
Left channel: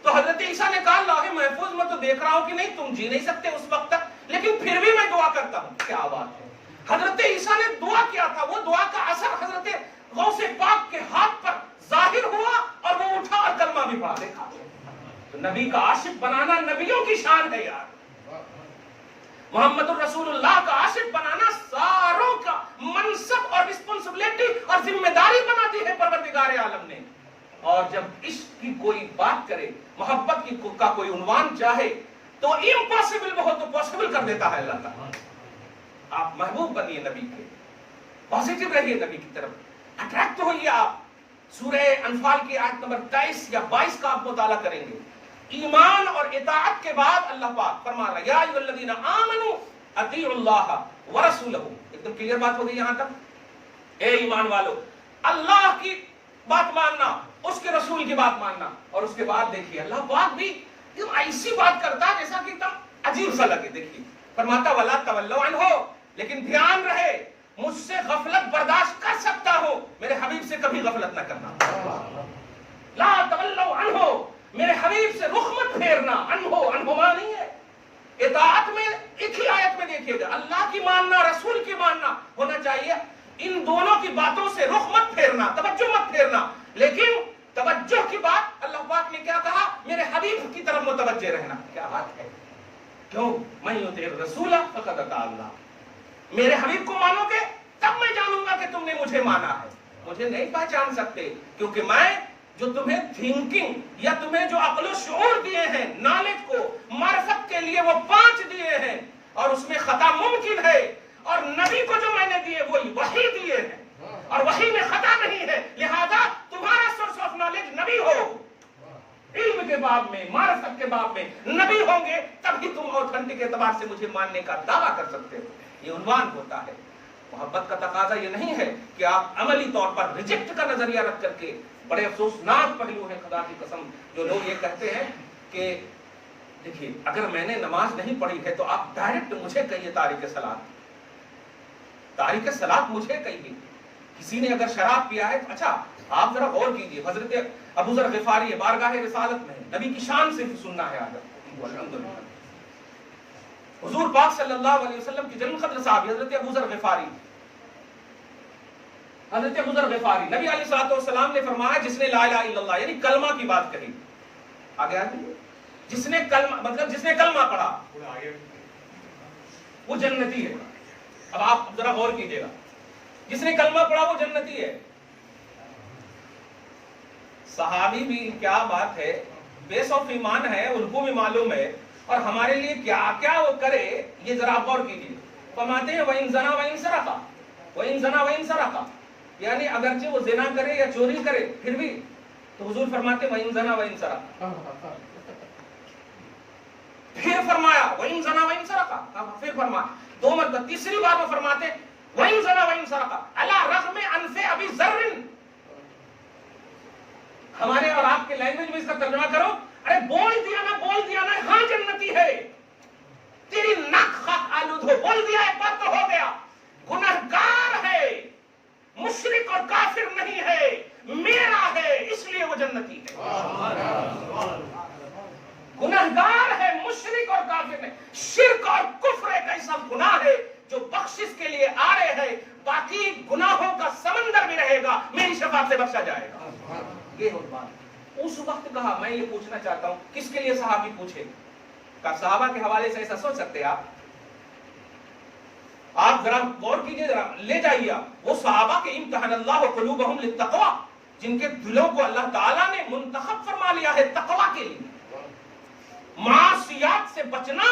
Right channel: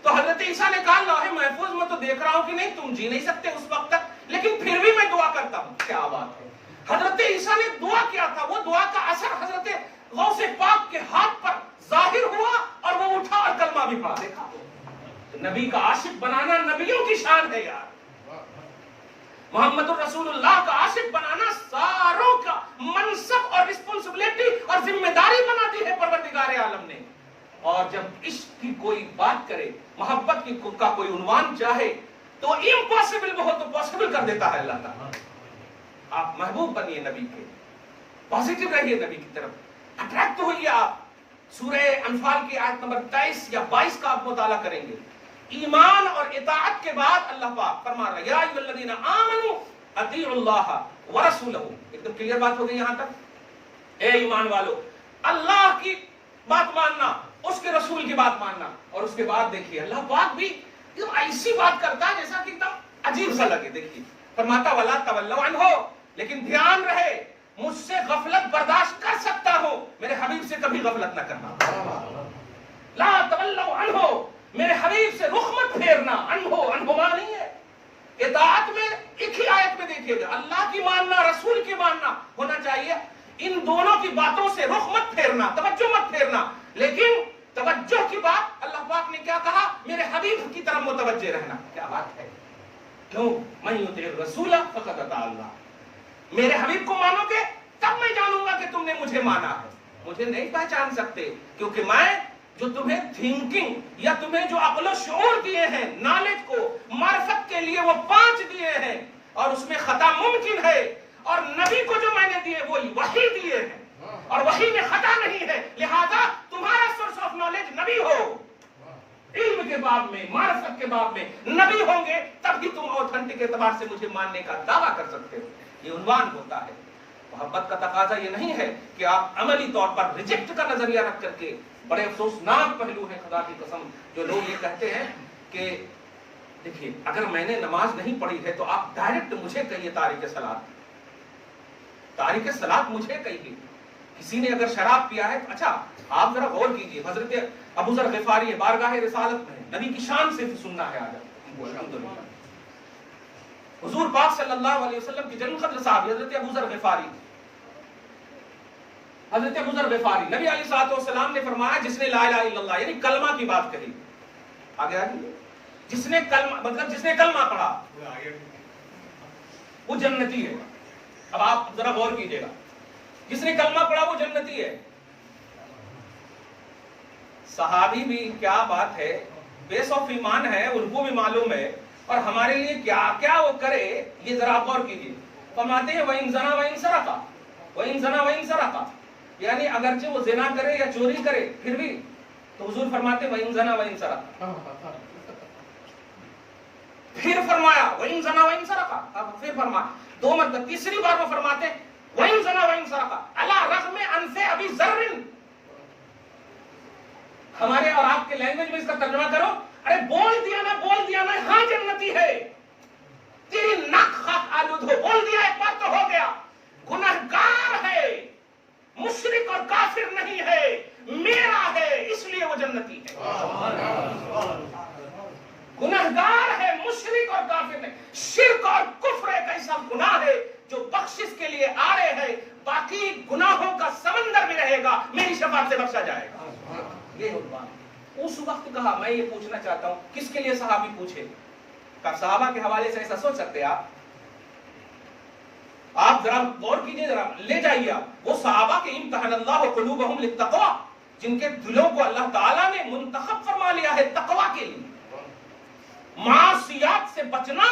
تو حضرت عیسیٰ نے کہا لوح محفوظ میں تو دیکھ رہا ہوں کہ نہیں تم جی نہیں سکتے اس وقت تک، لیکن پھر بھی میں دعا کرتا ہوں۔ کیا بات ہے، حضرت عیسیٰ نے دعا کیا تھا، وہ دعا کا اثر حضرت غوث پاک کے ہاتھ پر ظاہر ہوا اور وہ اٹھا اور کلمہ بھی پڑھا۔ دیکھا نبی کا عاشق بنانا نبیوں کی شان ہے یار، محمد الرسول اللہ کا عاشق بنانا ساروں کا منصب اور رسپانسبلٹی اور ذمہ داری بنا دی ہے پروردگار عالم نے۔ اور جب عشق کی کوئی بات کرے، محبت کی کا کوئی عنوان چاہے تو امپاسبل بہت تو پاسبل کر دیتا ہے اللہ تعالیٰ۔ آپ محبوب بنیے نبی کے، پازیٹیو رہیے نبی کی طرف، اٹریکٹ ہوئیے آپ۔ سورہ انفال کی آیت نمبر 23 یا 22 کا آپ مطالعہ کریں گے، ایمان اور اطاعت کے بعد اللہ پاک فرما رہا ہے یا ایھا الذین آمنوا اطیعوا اللہ ورسولہ۔ ایک دم کلیئر بات ہو گئی یہاں تک، اے ایمان والو، اللہ کی بات ماننا، اس کے رسول کی بات ماننا، اور اس کے بعد دیکھیے اللہ پاک بھی ایسی بات کرتا ہے جیسا کہ ایک دم عجیب سا لگے۔ دیکھیے فرماتا ولا تولوا عنہ، لیکن دھیان رہے مجھ سے غفلت برداشت کر سکتا ہو، میرے حبیب سے کبھی غفلت نہ کرنا۔ لا تولوا عنہ، میرے حبیب سے رخ مت پھیرنا، انہما نہیں ہے۔ اطاعت میں ایک ہی آیت میں دیکھیے گا، اللہ کی ماننا، رسول کی ماننا ہونا چاہیے، ان دونوں کی باتوں سے رخ مت پھیرنا، توجہ مت پھیرنا۔ لیکن توجہ کی بات اللہ پاک نے کیا کہا؟ میرے حبیب کی طرف متوجہ رہنا۔ کیا بات ہے؟ کیوں؟ من یطع الرسول فقد اطاع اللہ، میرے حبیب کو مانو گے تب میں جانوں گا کہ تم نے مجھے مانا ہے۔ مجھے نہیں پہچان سکتے کیونکہ میں جو تمہیں تھنکنگ یا تمہیں جو عقل و شعور دیے ہیں، نالج کو، معرفت کے لیے وہ 5 دیے ہیں، اور اس میں خطا ممکن ہے، اور نبی کو جو میں نے دیے وہ وحی دیے ہیں، اور وحی میں خطا نہیں ہے، لہذا تمہارا سورس آف نالج نبی ہو۔ علم کے باب میں، معرفت کے باب میں نبی ہوں گے تب ہی تم اوتھنٹک اعتبار سے مجھے ماننے کا دعویٰ کر سکتے ہو۔ یہ عنوان ہوتا ہے۔ محبت کا تقاضا یہ نہیں ہے کہ آپ عملی طور پر ریجیکٹ کا نظریہ رکھ کر کے، بڑے افسوسناک پہلو ہے خدا کی قسم جو لوگ یہ کہتے ہیں کہ دیکھیے اگر میں نے نماز نہیں پڑھی ہے تو آپ ڈائریکٹ مجھے کہیے تارک صلاۃ، تارک صلاۃ مجھے کہیے۔ کسی نے اگر شراب پیا ہے تو اچھا آپ ذرا غور کیجئے، حضرت ابو ذر غفاری بارگاہ رسالت میں نبی کی شان سے بھی سننا ہے آج آپ کو، الحمدللہ۔ حضور پاک صلی اللہ علیہ وسلم کی جنم قدر صاحب حضرت ابو ذر غفاری، حضرت ابو ذر غفاری، نبی علیہ الصلوۃ والسلام نے فرمایا جس نے لا الہ الا اللہ یعنی کلمہ کی بات کہی، آگے آگے جس نے کلمہ مطلب جس نے کلمہ پڑھا وہ جنتی ہے۔ اب آپ ذرا غور کیجئے گا، جس نے کلمہ پڑھا وہ جنتی ہے۔ صحابی بھی کیا بات ہے، بیس آف ایمان ہے، ان کو بھی معلوم ہے، اور ہمارے لیے کیا کیا وہ کرے یہ ذرا غور کیجئے۔ فرماتے ہیں وَإِن زَنَا وَإِن سَرَقَ، وَإِن زَنَا وَإِن سَرَقَ، یعنی اگرچہ وہ زنا کرے یا چوری کرے پھر بھی، تو حضور فرماتے ہیں وَإِن زَنَا وَإِن سَرَقَ، پھر فرمایا وَإِن زَنَا وَإِن سَرَقَ، پھر فرمایا 2 مرتبہ، تیسری بار وہ فرماتے ہیں وَإِن زَنَا وَإِن سَرَقَ عَلَى رَغْمِ أَنْفِ أَبِي ذَرٍ۔ ہمارے اور آپ کے لینگویج میں اس کا ترجمہ کرو، ارے بول دیا نا ہاں جنتی ہے، تیری ناک خاک آلود ہو، بول دیا ایک بار تو ہو گیا، گنہگار ہے، مشرک اور کافر نہیں ہے، میرا ہے اس لیے وہ جنتی ہے۔ گنہگار ہے، مشرک اور کافر نہیں۔ شرک اور کفر ایک ایسا گناہ ہے جو بخشش کے لیے آ رہے ہیں، باقی گناہوں کا سمندر میں رہے گا، میری شفاعت سے بخشا جائے گا۔ یہ بات اس وقت کہا۔ میں یہ پوچھنا چاہتا ہوں کس کے لیے صحابی پوچھے؟ کہ صحابہ کے حوالے سے ایسا سوچ سکتے ہیں آپ ذرا غور کیجئے، ذرا لے جائیے آپ وہ صحابہ کے امتحان اللہ قلوبہم للتقوی، جن کے دلوں کو اللہ تعالیٰ نے منتخب فرما لیا ہے تقوی کے لیے، معاصیات سے بچنا،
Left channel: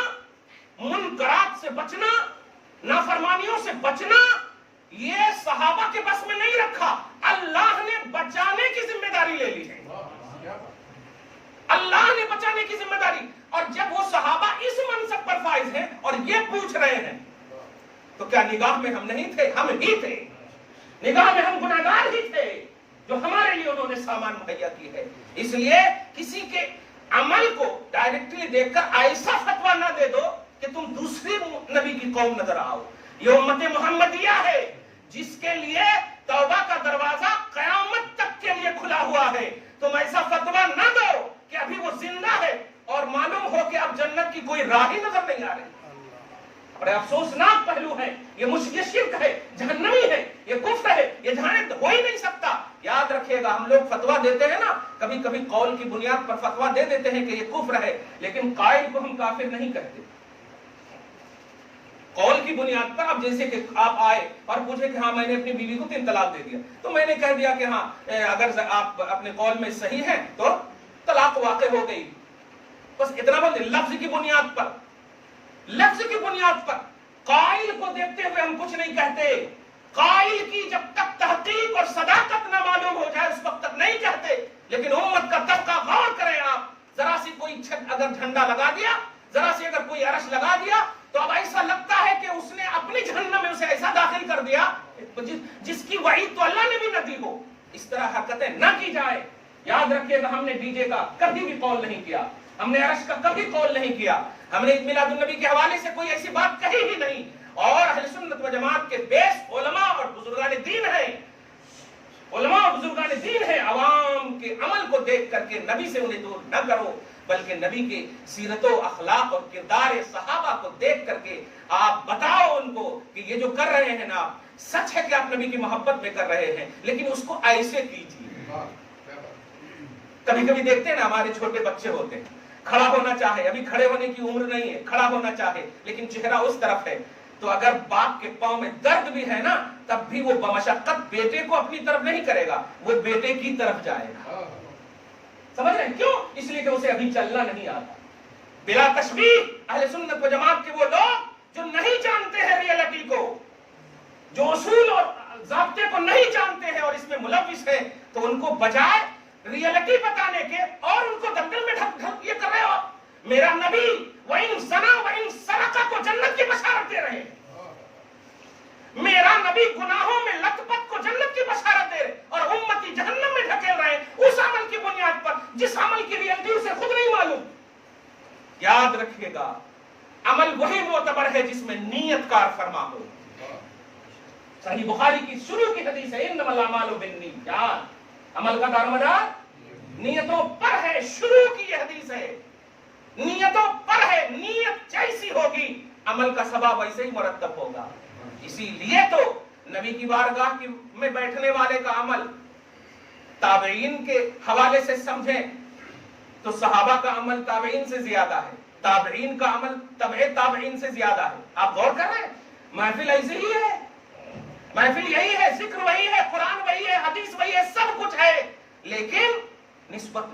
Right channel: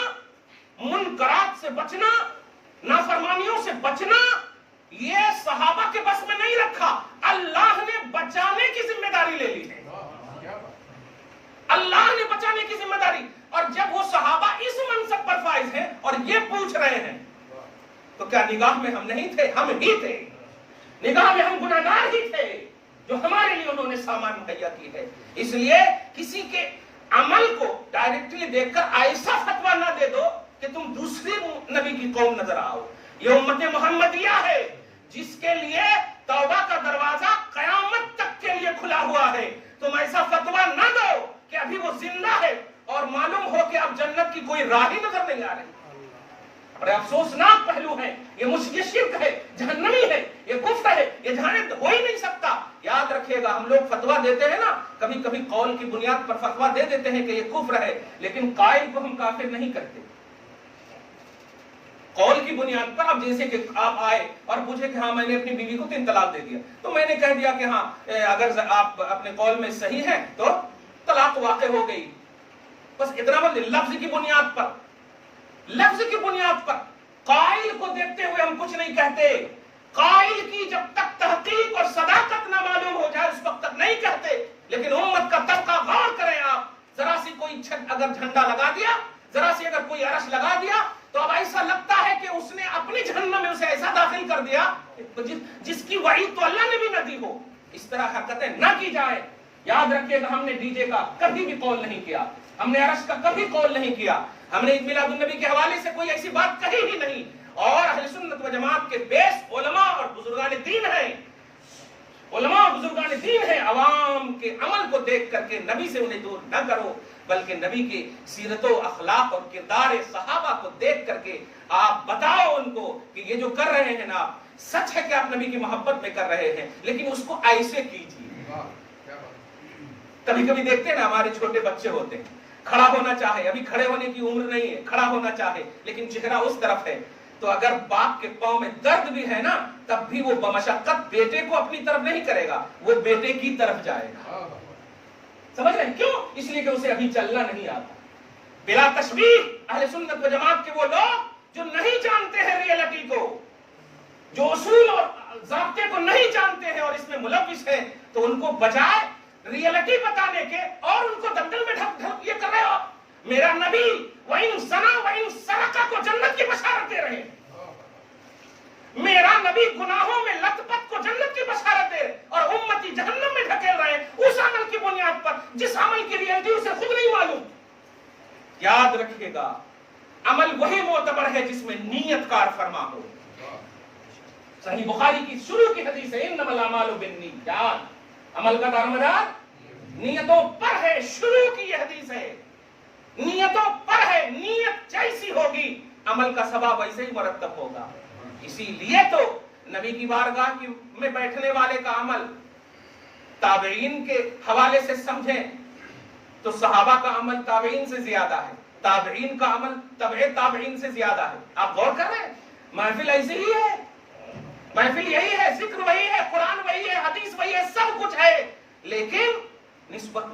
منکرات سے بچنا، نافرمانیوں سے بچنا، یہ صحابہ کے بس میں نہیں رکھا، اللہ نے بچانے کی ذمہ داری لے لی ہے، اللہ نے بچانے کی ذمہ داری۔ اور جب وہ صحابہ اس منصب پر فائز ہیں اور یہ پوچھ رہے ہیں تو کیا نگاہ میں ہم نہیں تھے؟ ہم ہی تھے، نگاہ میں ہم گناہگار ہی تھے جو ہمارے لیے انہوں نے سامان مہیا کی ہے۔ اس لیے کسی کے عمل کو ڈائریکٹلی دیکھ کر ایسا فتویٰ نہ دے دو کہ تم دوسری نبی کی قوم نظر آؤ۔ یہ امت محمدیہ ہے جس کے لیے توبہ کا دروازہ قیامت تک کے لیے کھلا ہوا ہے۔ تم ایسا فتویٰ نہ دو کہ ابھی وہ زندہ ہے اور معلوم ہو کہ اب جنت کی کوئی راہ ہی نظر نہیں آ رہی۔ بڑے افسوسناک پہلو ہے، یہ شرک ہے، جہنمی ہے، یہ کفر ہے، یہ جہنم ہو ہی نہیں سکتا۔ یاد رکھیے گا، ہم لوگ فتویٰ دیتے ہیں نا، کبھی کبھی قول کی بنیاد پر فتویٰ دے دیتے ہیں کہ یہ کفر ہے، لیکن قائل کو ہم کافر نہیں کہتے۔ قول کی بنیاد پر، اب جیسے کہ آپ آئے اور پوچھے کہ ہاں میں نے اپنی بیوی کو 3 طلاق دے دیا، تو میں نے کہہ دیا کہ ہاں اگر آپ اپنے قول میں صحیح ہیں تو طلاق واقع ہو گئی، بس اتنا بول دیں۔ لفظ کی بنیاد پر، لفظ کی بنیاد پر قائل کو دیکھتے ہوئے ہم کچھ نہیں کہتے۔ قائل کی جب تک تحقیق اور صداقت نہ معلوم ہو جائے اس وقت تک نہیں کہتے۔ لیکن امت کا طبقہ غور کریں آپ، ذرا سی کوئی چھت اگر جھنڈا لگا دیا، ذرا سی اگر کوئی عرش لگا دیا تو اب ایسا لگتا ہے کہ اس نے اپنی جہنم میں اسے ایسا داخل کر دیا جس کی وعید تو اللہ نے بھی نہ دی ہو۔ اس طرح حرکتیں نہ کی جائے۔ یاد رکھیے گا، ہم نے ڈی جے کا کبھی بھی قول نہیں کیا، ہم نے عرش کا کبھی قول نہیں کیا، ہم نے عید میلاد النبی کے حوالے سے کوئی ایسی بات کہی ہی نہیں۔ اور اہل سنت و جماعت کے بیس علماء اور بزرگان دین ہیں، علماء اور بزرگان دین ہیں، عوام کے کے عمل کو دیکھ کر کے نبی سے انہیں دور نہ کرو، بلکہ نبی کے سیرت و اخلاق اور کردار صحابہ کو دیکھ کر کے آپ بتاؤ ان کو کہ یہ جو کر رہے ہیں نا، سچ ہے کہ آپ نبی کی محبت میں کر رہے ہیں، لیکن اس کو ایسے کیجیے۔ کبھی کبھی دیکھتے ہیں نا ہمارے چھوٹے بچے ہوتے ہیں، کھڑا ہونا چاہے، ابھی کھڑے ہونے کی عمر نہیں ہے، کھڑا ہونا چاہے لیکن چہرہ اس طرف ہے، تو اگر باپ کے پاؤں میں درد بھی ہے نا تب بھی وہ بمشقت بیٹے کو اپنی طرف نہیں کرے گا، وہ بیٹے کی طرف جائے گا۔ سمجھ رہے ہیں کیوں؟ اس لیے کہ اسے ابھی چلنا نہیں آتا۔ بلا تشبیہ اہل سنت و جماعت کے وہ لوگ جو نہیں جانتے ہیں ریئلٹی کو، جو اصول اور ضابطے کو نہیں جانتے ہیں اور اس میں ملوث ہیں، تو ان کو بجائے ریئلٹی بتانے کے اور ان کو دلدل میں ڈھک یہ کر رہے ہو۔ میرا نبی وَإِن زَنَا وَإِن سَرَقَ کو جنت کی بشارت دے رہے ہیں، میرا نبی گناہوں میں لت پت کو جنت کی بشارت دے رہے اور امتی جہنم میں ڈھکیل رہے ہیں اس عمل کی بنیاد پر جس عمل کی ریئلٹی اسے خود نہیں معلوم۔ یاد رکھیے گا، عمل وہی معتبر ہے جس میں نیت کار فرما ہو۔ صحیح بخاری کی شروع کی حدیث ہے انما الاعمال بالنیات، عمل کا دارمدار نیتوں پر ہے، شروع کی یہ حدیث ہے، نیتوں پر ہے، نیت جیسی ہوگی عمل کا ثواب ویسے ہی مرتب ہوگا۔ اسی لیے تو نبی کی بارگاہ میں بیٹھنے والے کا عمل تابعین کے حوالے سے سمجھیں تو صحابہ کا عمل تابعین سے زیادہ ہے، تابعین کا عمل تبع تابعین سے زیادہ ہے۔ آپ غور کر رہے ہیں، محفل ایسے ہی ہے، محفل یہی ہے، ذکر وہی ہے، قرآن وہی ہے، حدیث وہی ہے، سب کچھ ہے، لیکن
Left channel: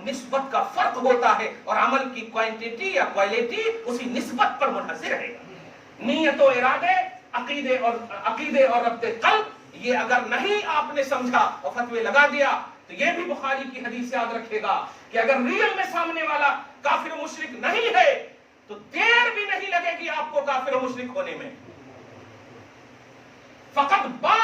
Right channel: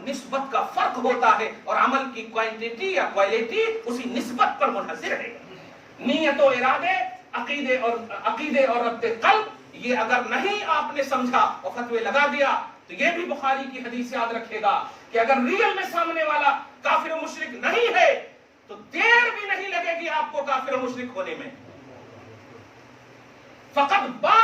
نسبت کا فرق ہوتا ہے اور عمل کی کوانٹٹی یا کوالٹی اسی نسبت پر منحصر ہے۔ نیت و ارادے، عقیدے اور ربط قلب، یہ اگر نہیں آپ نے سمجھا اور فتوے لگا دیا تو یہ بھی بخاری کی حدیث یاد رکھے گا کہ اگر ریل میں سامنے والا کافر و مشرک نہیں ہے تو دیر بھی نہیں لگے گی آپ کو کافر و مشرک ہونے میں۔ فقط با،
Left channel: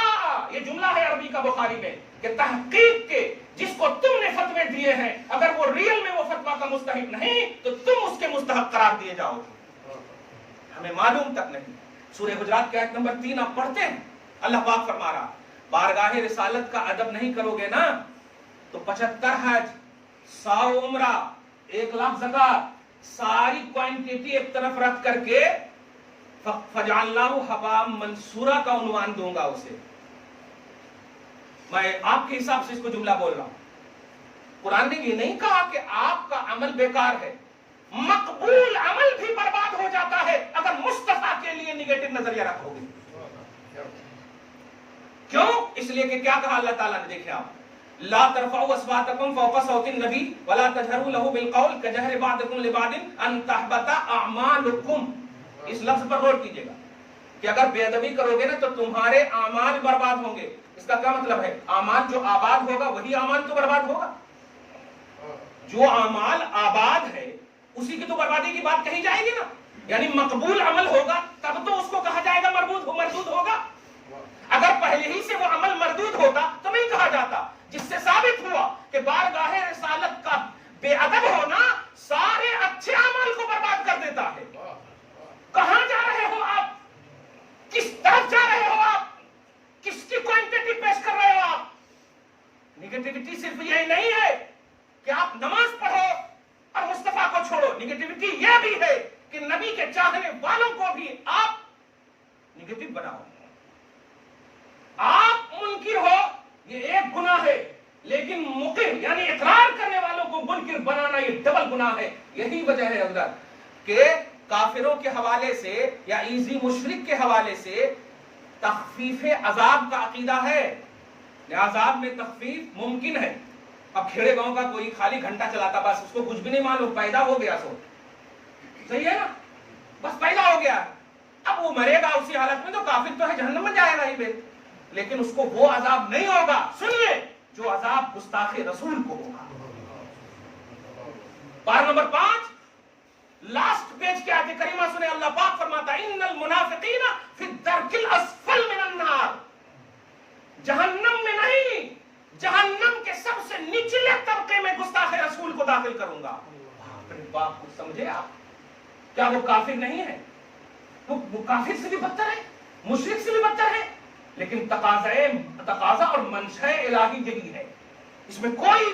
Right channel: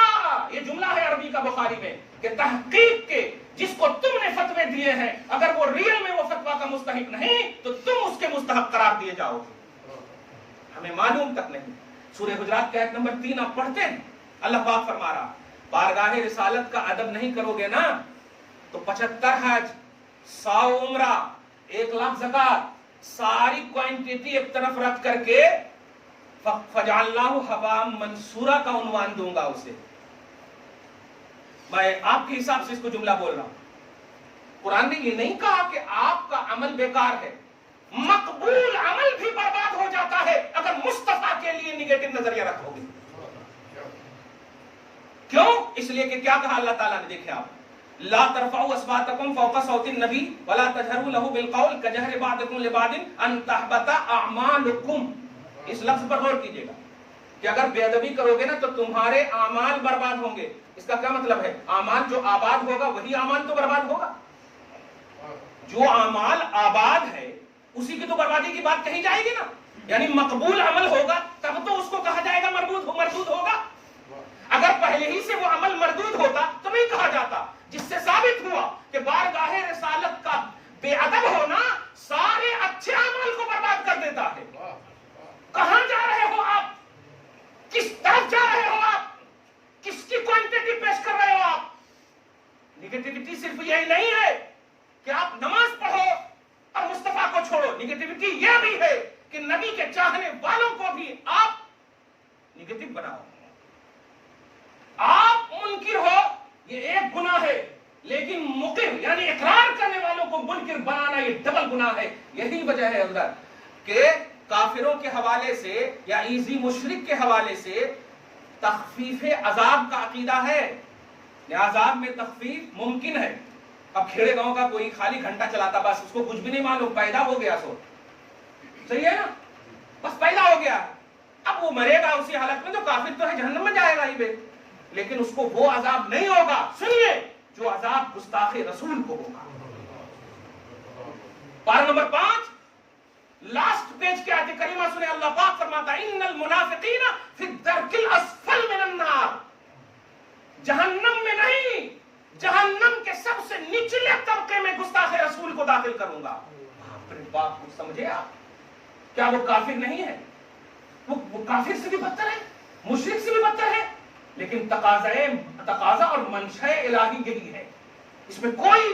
یہ جملہ ہے عربی کا بخاری میں کہ تحقیق کے جس کو تم نے فتوے دیے ہیں اگر وہ ریل میں وہ فتویٰ کا مستحق نہیں تو تم اس کے مستحق قرار دیے جاؤ گے۔ ہمیں معلوم تک نہیں۔ سورہ حجرات کی آیت نمبر 3 آپ پڑھتے ہیں، اللہ پاک فرما رہا بارگاہ رسالت کا ادب نہیں کرو گے نا تو 75 حج، 100 عمرہ، 1 لاکھ زکات، ساری کوانٹٹی ایک طرف رکھ کر کے فَجَعَلْنَاهُ حَبَاءً مَنْثُورًا کا عنوان دوں گا اسے۔ میں آپ کے حساب سے اس کو جملہ بول رہا ہوں۔ قرآن نے یہ نہیں کہا کہ آپ کا عمل بیکار ہے، مقبول عمل بھی برباد ہو جاتا ہے اگر مصطفیٰ کے لیے نگیٹو نظریہ رکھو گے۔ کیوں؟ اس لیے کہ کیا کہا اللہ تعالیٰ نے، دیکھیں آپ، لا ترفعوا اصواتکم فوق صوت النبی ولا تجہروا له بالقول کجہر بعضکم لبعض ان تحبط اعمالکم۔ اس لفظ پر غور کیجئے گا کہ اگر بے ادبی کرو گے نا تو تمہارے اعمال برباد ہوں گے۔ اس کا کیا مطلب ہے؟ اعمال جو آباد ہوگا وہی اعمال تو برباد ہوگا۔ جو اعمال آباد ہے اسی کی تو بربادی کی بات کہی جائے گی نا، یعنی مقبول عمل ہوگا تب تو اس کو کہا جائے گا مردود ہوگا۔ اگر پہلے ہی سے وہ عمل مردود ہوتا تو نہیں کہا جاتا، جس سے ثابت ہوا کہ بارگاہ رسالت کا بے ادب ہونا سارے اچھے اعمال کو برباد کر دیتا ہے۔ کہاں جا رہے ہو آپ؟ کس طرف جا رہے ہو آپ؟ کس کی کوانٹٹی پیش کر رہے ہو آپ؟ نگیٹیوٹی صرف یہی نہیں ہے کہ آپ نماز پڑھو اور مصطفیٰ کو چھوڑو، نگیٹیوٹی یہ بھی ہے کہ نبی کے چاہنے والوں کو بھی آپ نگیٹو بناؤ۔ آپ منکر ہو یہ ایک گناہ ہے، لیکن مقر یعنی اقرار کرنے والوں کو منکر بنانا یہ ڈبل گناہ ہے۔ یہی وجہ ہے اندر کہ کافروں کے حوالے سے یا ایزی مشرک کے حوالے سے تخفیف عذاب کا عقیدہ ہے، عذاب میں تخفیف ممکن ہے۔ اب کھیڑے گاؤں کا کوئی خالی گھنٹہ چلاتا بس اس کو کچھ بھی نہیں معلوم، پیدا ہو گیا سو صحیح ہے نا، بس پیدا ہو گیا، اب وہ مرے گا اسی حالت میں تو کافر تو ہے، جہنم میں جائے گا ہی بے، لیکن اس کو وہ عذاب نہیں ہوگا، سنیے، جو عذاب گستاخ رسول کو ہوگا۔ پارہ نمبر 5 لاسٹ پیج کی آیت کریمہ سنے، اللہ پاک فرماتا ہے ان المنافقین فی الدرک الاسفل من النار، جہنم میں نہیں، جہنم کے سب سے نچلے طبقے میں گستاخ رسول کو داخل کروں گا۔ اپنے باپ کو سمجھے آپ، کیا وہ کافر نہیں ہے؟ وہ کافر سے بھی بدتر ہے، مشرک سے بھی بدتر ہے، لیکن تقاضا اور منشأ الہی یہی ہے، اس میں کوئی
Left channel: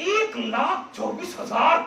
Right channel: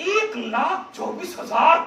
1,24,000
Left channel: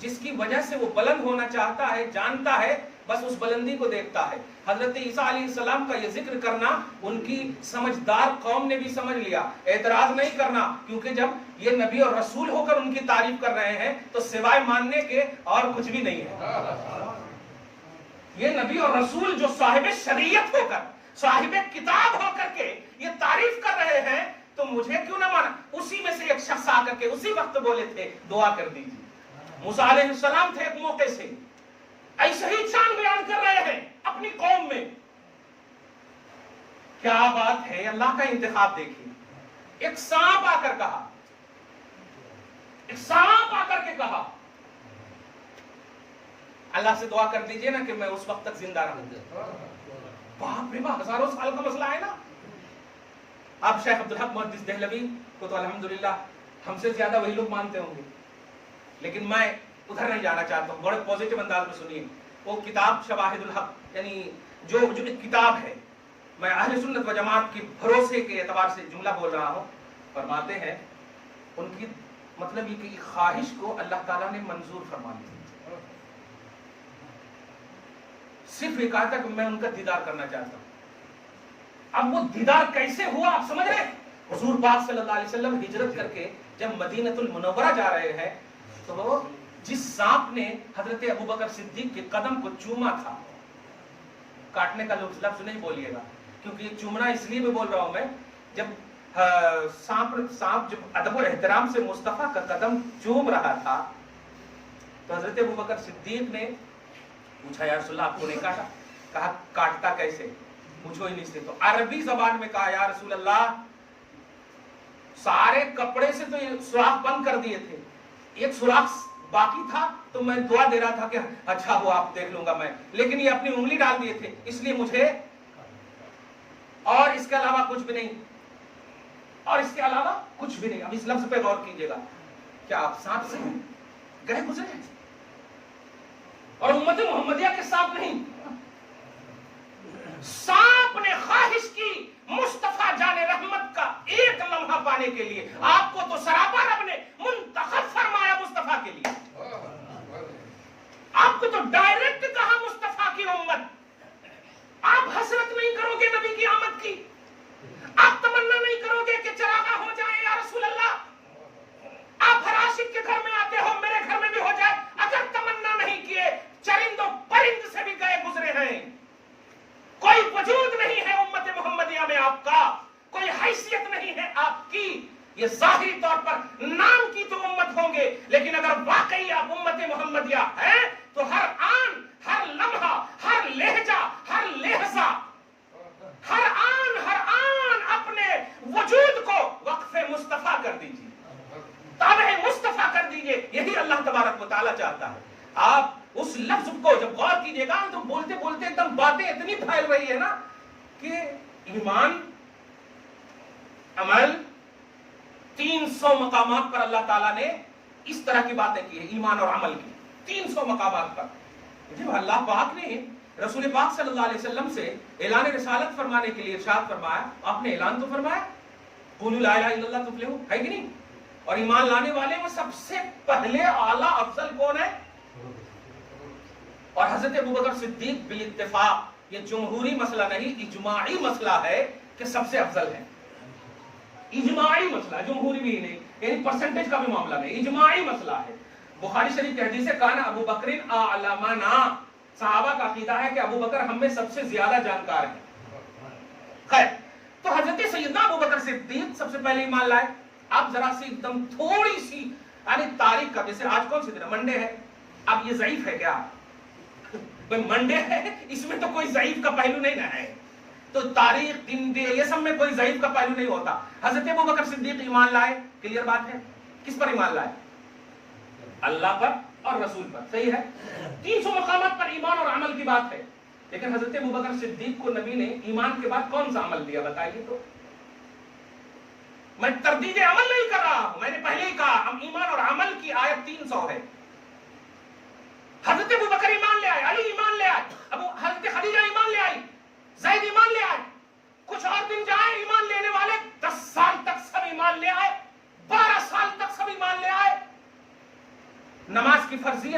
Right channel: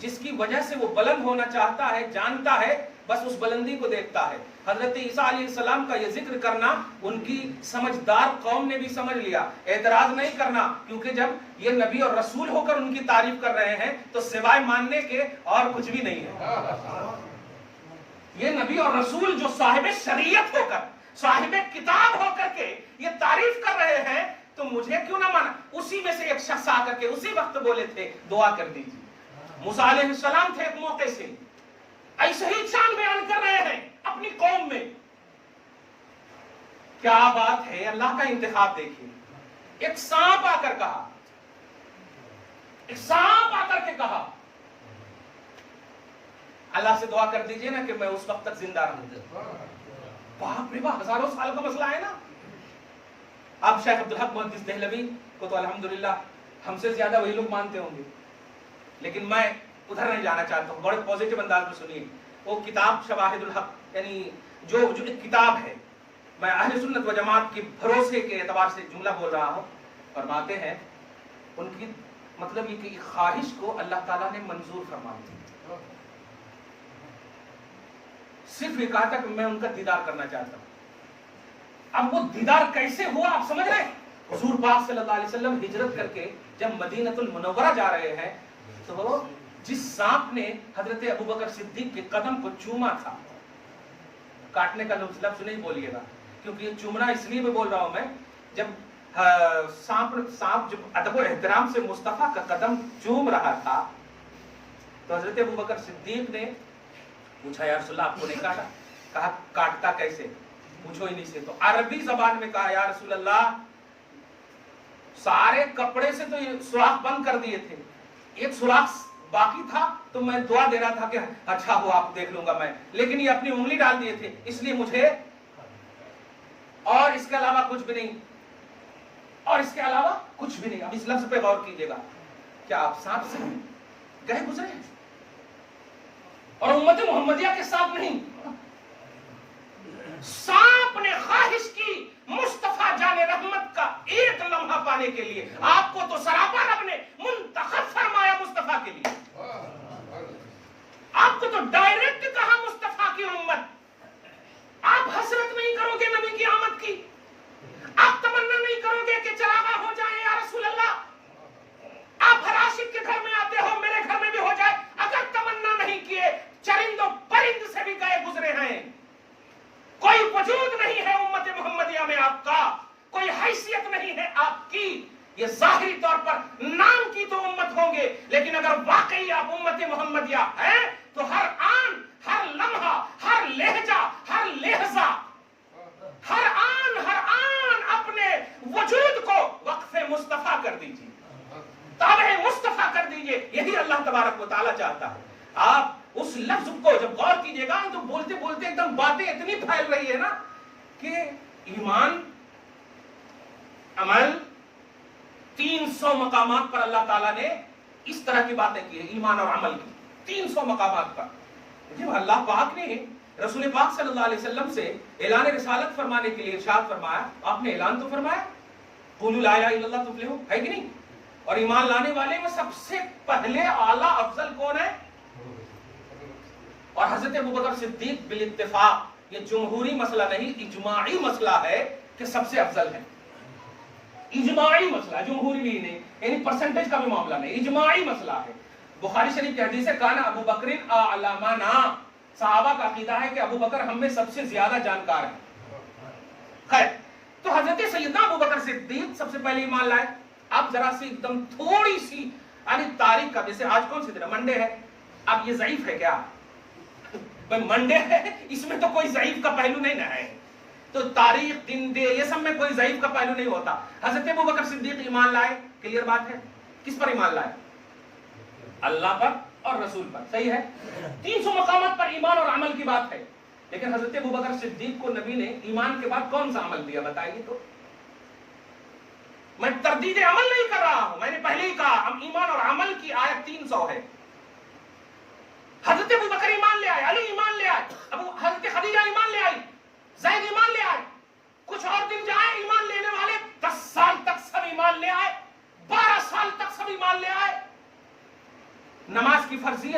جس کی وجہ سے وہ بلند ہونا چاہتا ہے، جانتا ہے، بس اس بلندی کو دیکھتا ہے۔ حضرت عیسیٰ علیہ السلام کا یہ ذکر کرنا ان کی سمجھدار قوم نے بھی سمجھ لیا، اعتراض نہیں کرنا، کیونکہ جب یہ نبی اور رسول ہو کر ان کی تعریف کر رہے ہیں تو سوائے ماننے کے اور کچھ بھی نہیں ہے۔ یہ نبی اور رسول جو صاحب شریعت ہو کر، صاحب کتاب ہو کر کے یہ تعریف کر رہے ہیں تو مجھے کیوں نہ مانا؟ اسی میں سے ایک شخص آ کر کے اسی وقت بولے تھے دعا کر دیجیے۔ موسیٰ علیہ السلام تھے ایک موقع سے ایسے ہی شان بیان کر رہے ہیں اپنی قوم میں۔ کیا بات ہے، اللہ کا انتخاب دیکھیے۔ ایک سانپ آ کر کہا، ایک سانپ آ کر کے کہا اللہ سے دعا کر دیجئے نا کہ میں اس وقت تک زندہ رہوں۔ باپ رے باپ، ہزاروں سال کا مسئلہ ہے نا۔ آپ شیخ عبدالحق محدث دہلوی کو تو الحمدللہ ہم سے زیادہ وہی لوگ مانتے ہوں گے، لیکن میں ادھر نہیں جانا چاہتا ہوں، بڑے پوزیٹو انداز میں سنیے۔ وہ کتاب شواہد الحق، یعنی جو ایک کتاب ہے، میں اہل سنت و جماعت کے بھروسے کے اعتبار سے جملہ بول رہا ہوں، فرماتے ہیں ان کی مطلب یہ کہ خواہش کو اللہ تعالیٰ نے منظور فرما دی، صرف ایک آتا کہ میں ان کا دیدار کرنا چاہتا ہوں۔ اب وہ دیدار کیسے ہوا آپ سمجھ رہے ہیں؟ حضور پاک صلی اللہ علیہ وسلم ہجرت کر کے جب مدینہ المنورہ جا رہے ہیں تو جس سانپ نے حضرت ابوبکر صدیق کے قدم کو چوما تھا، کاٹنے کا لفظ نہیں بولیے گا کیونکہ یہ چومنا اس لیے بھی بول رہا ہوں میں، جب سانپ جب ادب اور احترام سے مصطفیٰ کا قدم چوم رہا تھا تو حضرت ابوبکر صدیق نے پوچھا یا رسول اللہ آپ کو نہیں کاٹا؟ کہا کاٹتا کیسے؟ پوچھو انہی سے۔ تو عربی زبان میں کہا یا رسول اللہ سارے کپڑے سے تو یہ سوراخ بند کر دیے تھے، ایک سوراخ باقی تھا تو میں دعا دے رہا تھا کہ اچھا ہوا آپ دیکھ لوں گا میں، لیکن یہ اپنی انگلی ڈال دیے تھے اس لیے مجھے، اور اس کے علاوہ کچھ بھی نہیں، اور اس کے علاوہ کچھ بھی نہیں۔ اب اس لفظ پہ غور کیجئے گا، کیا آپ ساتھ سے گئے گزرے ہیں؟ اور امت محمدیہ کے ساتھ نہیں، سانپ نے خواہش کی مصطفیٰ جان رحمت کا ایک لمحہ پانے کے لیے، آپ کو تو سراپا رب نے منتخب فرمایا مصطفیٰ کے لیے، آپ کو تو ڈائریکٹ کہا مصطفیٰ کی امت۔ آپ حسرت نہیں کرو گے نبی کی آمد کی؟ آپ تمنا نہیں کرو گے کہ چراغا ہو جائے یا رسول اللہ؟ آپ ہر عاشق کے گھر میں آتے ہو، میرے گھر میں بھی ہو جائے، اگر تمنا نہیں کیے چرند و پرند سے بھی گئے گزرے ہیں، کوئی وجود نہیں ہے امت محمدیہ میں آپ کا، کوئی حیثیت نہیں ہے آپ کی، یہ ظاہری طور پر نام کی تو امت ہوں گے، لیکن اگر واقعی آپ امت محمدیہ ہیں تو ہر آن، ہر لمحہ، ہر لہجہ، ہر لہجہ، ہر آن اپنے وجود کو وقف مصطفیٰ کر دیجیے، تابع مصطفیٰ کر دیجیے، یہی اللہ تبارک و تعالیٰ چاہتا ہے۔ آپ اس لفظ کو جب غور کیجئے گا تو بولتے بولتے ایک دم باتیں اتنی پھیل رہی ہے نا کہ ایمان، عمل، 300 مقامات پر اللہ تعالیٰ نے اس طرح کی باتیں کی ہے، ایمان اور عمل کی 300 مقامات پر۔ جو اللہ پاک نے رسول پاک صلی اللہ علیہ وسلم سے اعلان رسالت فرمانے کے لیے ارشاد فرمایا، آپ نے اعلان تو فرمایا قولوا لا الہ الا اللہ تفلحوا، ہے کہ نہیں؟ اور ایمان لانے والے میں سب سے پہلے اعلیٰ افضل کون ہے؟ اور حضرت ابوبکر صدیق بالاتفاق، یہ جمہوری مسئلہ نہیں، اجماعی مسئلہ ہے کہ سب سے افضل ہے، اجماعی مسئلہ، جمہوری بھی نہیں، یعنی پرسنٹیج کا بھی معاملہ نہیں، اجماعی مسئلہ ہے۔ بخاری شریف کی حدیث ہے کان ابو بکر اعلمنا، صحابہ کا عقیدہ ہے کہ ابو بکر ہم میں سب سے زیادہ جانکار ہے۔ خیر، تو حضرت سیدنا ابو بکر صدیق سب سے پہلے ایمان لائے۔ اب ذرا سی ایک دم تھوڑی سی یعنی تاریخ کا، جیسے آج کون سی دن ہے؟ منڈے ہے، اب یہ ضعیف ہے کیا؟ بھئی منڈے ہے، اس میں تو کوئی ضعیف کا پہلو نہیں نہ ہے، تو تاریخ، دن دے، یہ سب میں کوئی ضعیف کا پہلو نہیں ہوتا۔ حضرت ابوبکر صدیق ایمان لائے، کلیئر بات ہے، کس پر ایمان لائے؟ اللہ پر اور رسول پر، صحیح ہے۔ 300 مقامات پر ایمان اور عمل کی بات ہے، لیکن حضرت ابوبکر صدیق کو نبی نے ایمان کے بعد کون سا عمل دیا بتائیے تو؟ میں تردید عمل نہیں کر رہا ہوں، میں نے پہلے ہی کہا ہم ایمان اور عمل کی آیت 300 ہے۔ حضرت ابوبکر ایمان لے آئے، علی ایمان لے آئے، حضرت خدیجہ ایمان لے آئی، زید ایمان لے آئے، کچھ اور دن جائے ایمان لینے والے 10 سال تک سب ایمان لے آئے، 12 سال تک سب ایمان لے آئے۔ نماز کی فرضیت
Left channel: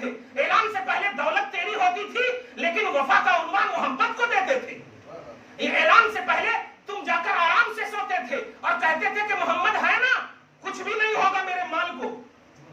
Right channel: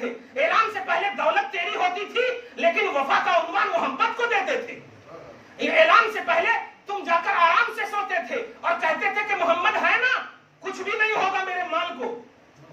تھے. اعلان سے پہلے دولت تیری ہوتی تھی لیکن وفا کا عنوان محمد کو دیتے تھے. اعلان سے پہلے تم جا کر آرام سے سوتے تھے اور کہتے تھے کہ محمد ہے نا, کچھ بھی نہیں ہوگا میرے مال کو,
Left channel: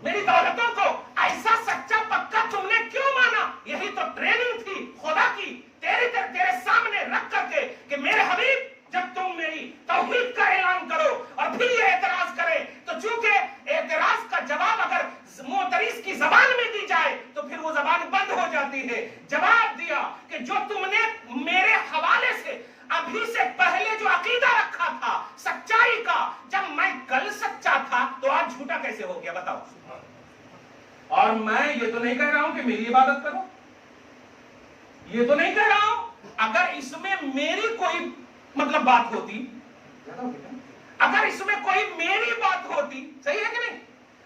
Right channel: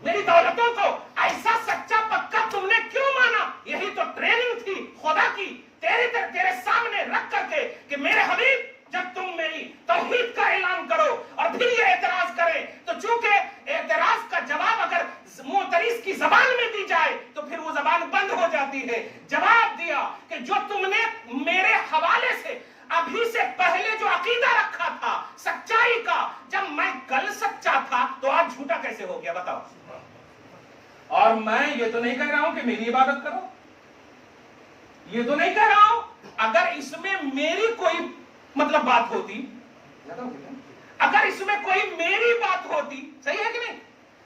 میری دولتوں کو. ایسا سچا پکا تم نے کیوں مانا؟ یہی تو ٹریننگ تھی خدا کی تیرے سامنے رکھ کر کے کہ میرے حبیب جب تم میری توحید کا اعلان کرو اور پھر یہ اعتراض کرے تو چونکہ اعتراض کا جواب اگر معترض کی زبان میں دی جائے تو پھر وہ زبان بند ہو جاتی ہے. جواب دیا کہ جو تم نے میرے حوالے سے ابھی سے پہلے جو عقیدہ رکھا تھا سچائی کا, جب میں کل سچا تھا تو آج جھوٹا کیسے ہو گیا بتاؤ. اور میں یہ تو نہیں کہہ رہا ہوں کہ میری عبادت کرو, یہ تو نہیں کہہ رہا ہوں. اگر اس میں میری کوئی مطلب بات ہوتی, اگر اس میں کوئی میری بات ہوتی, صحیح ہے کہ نہیں,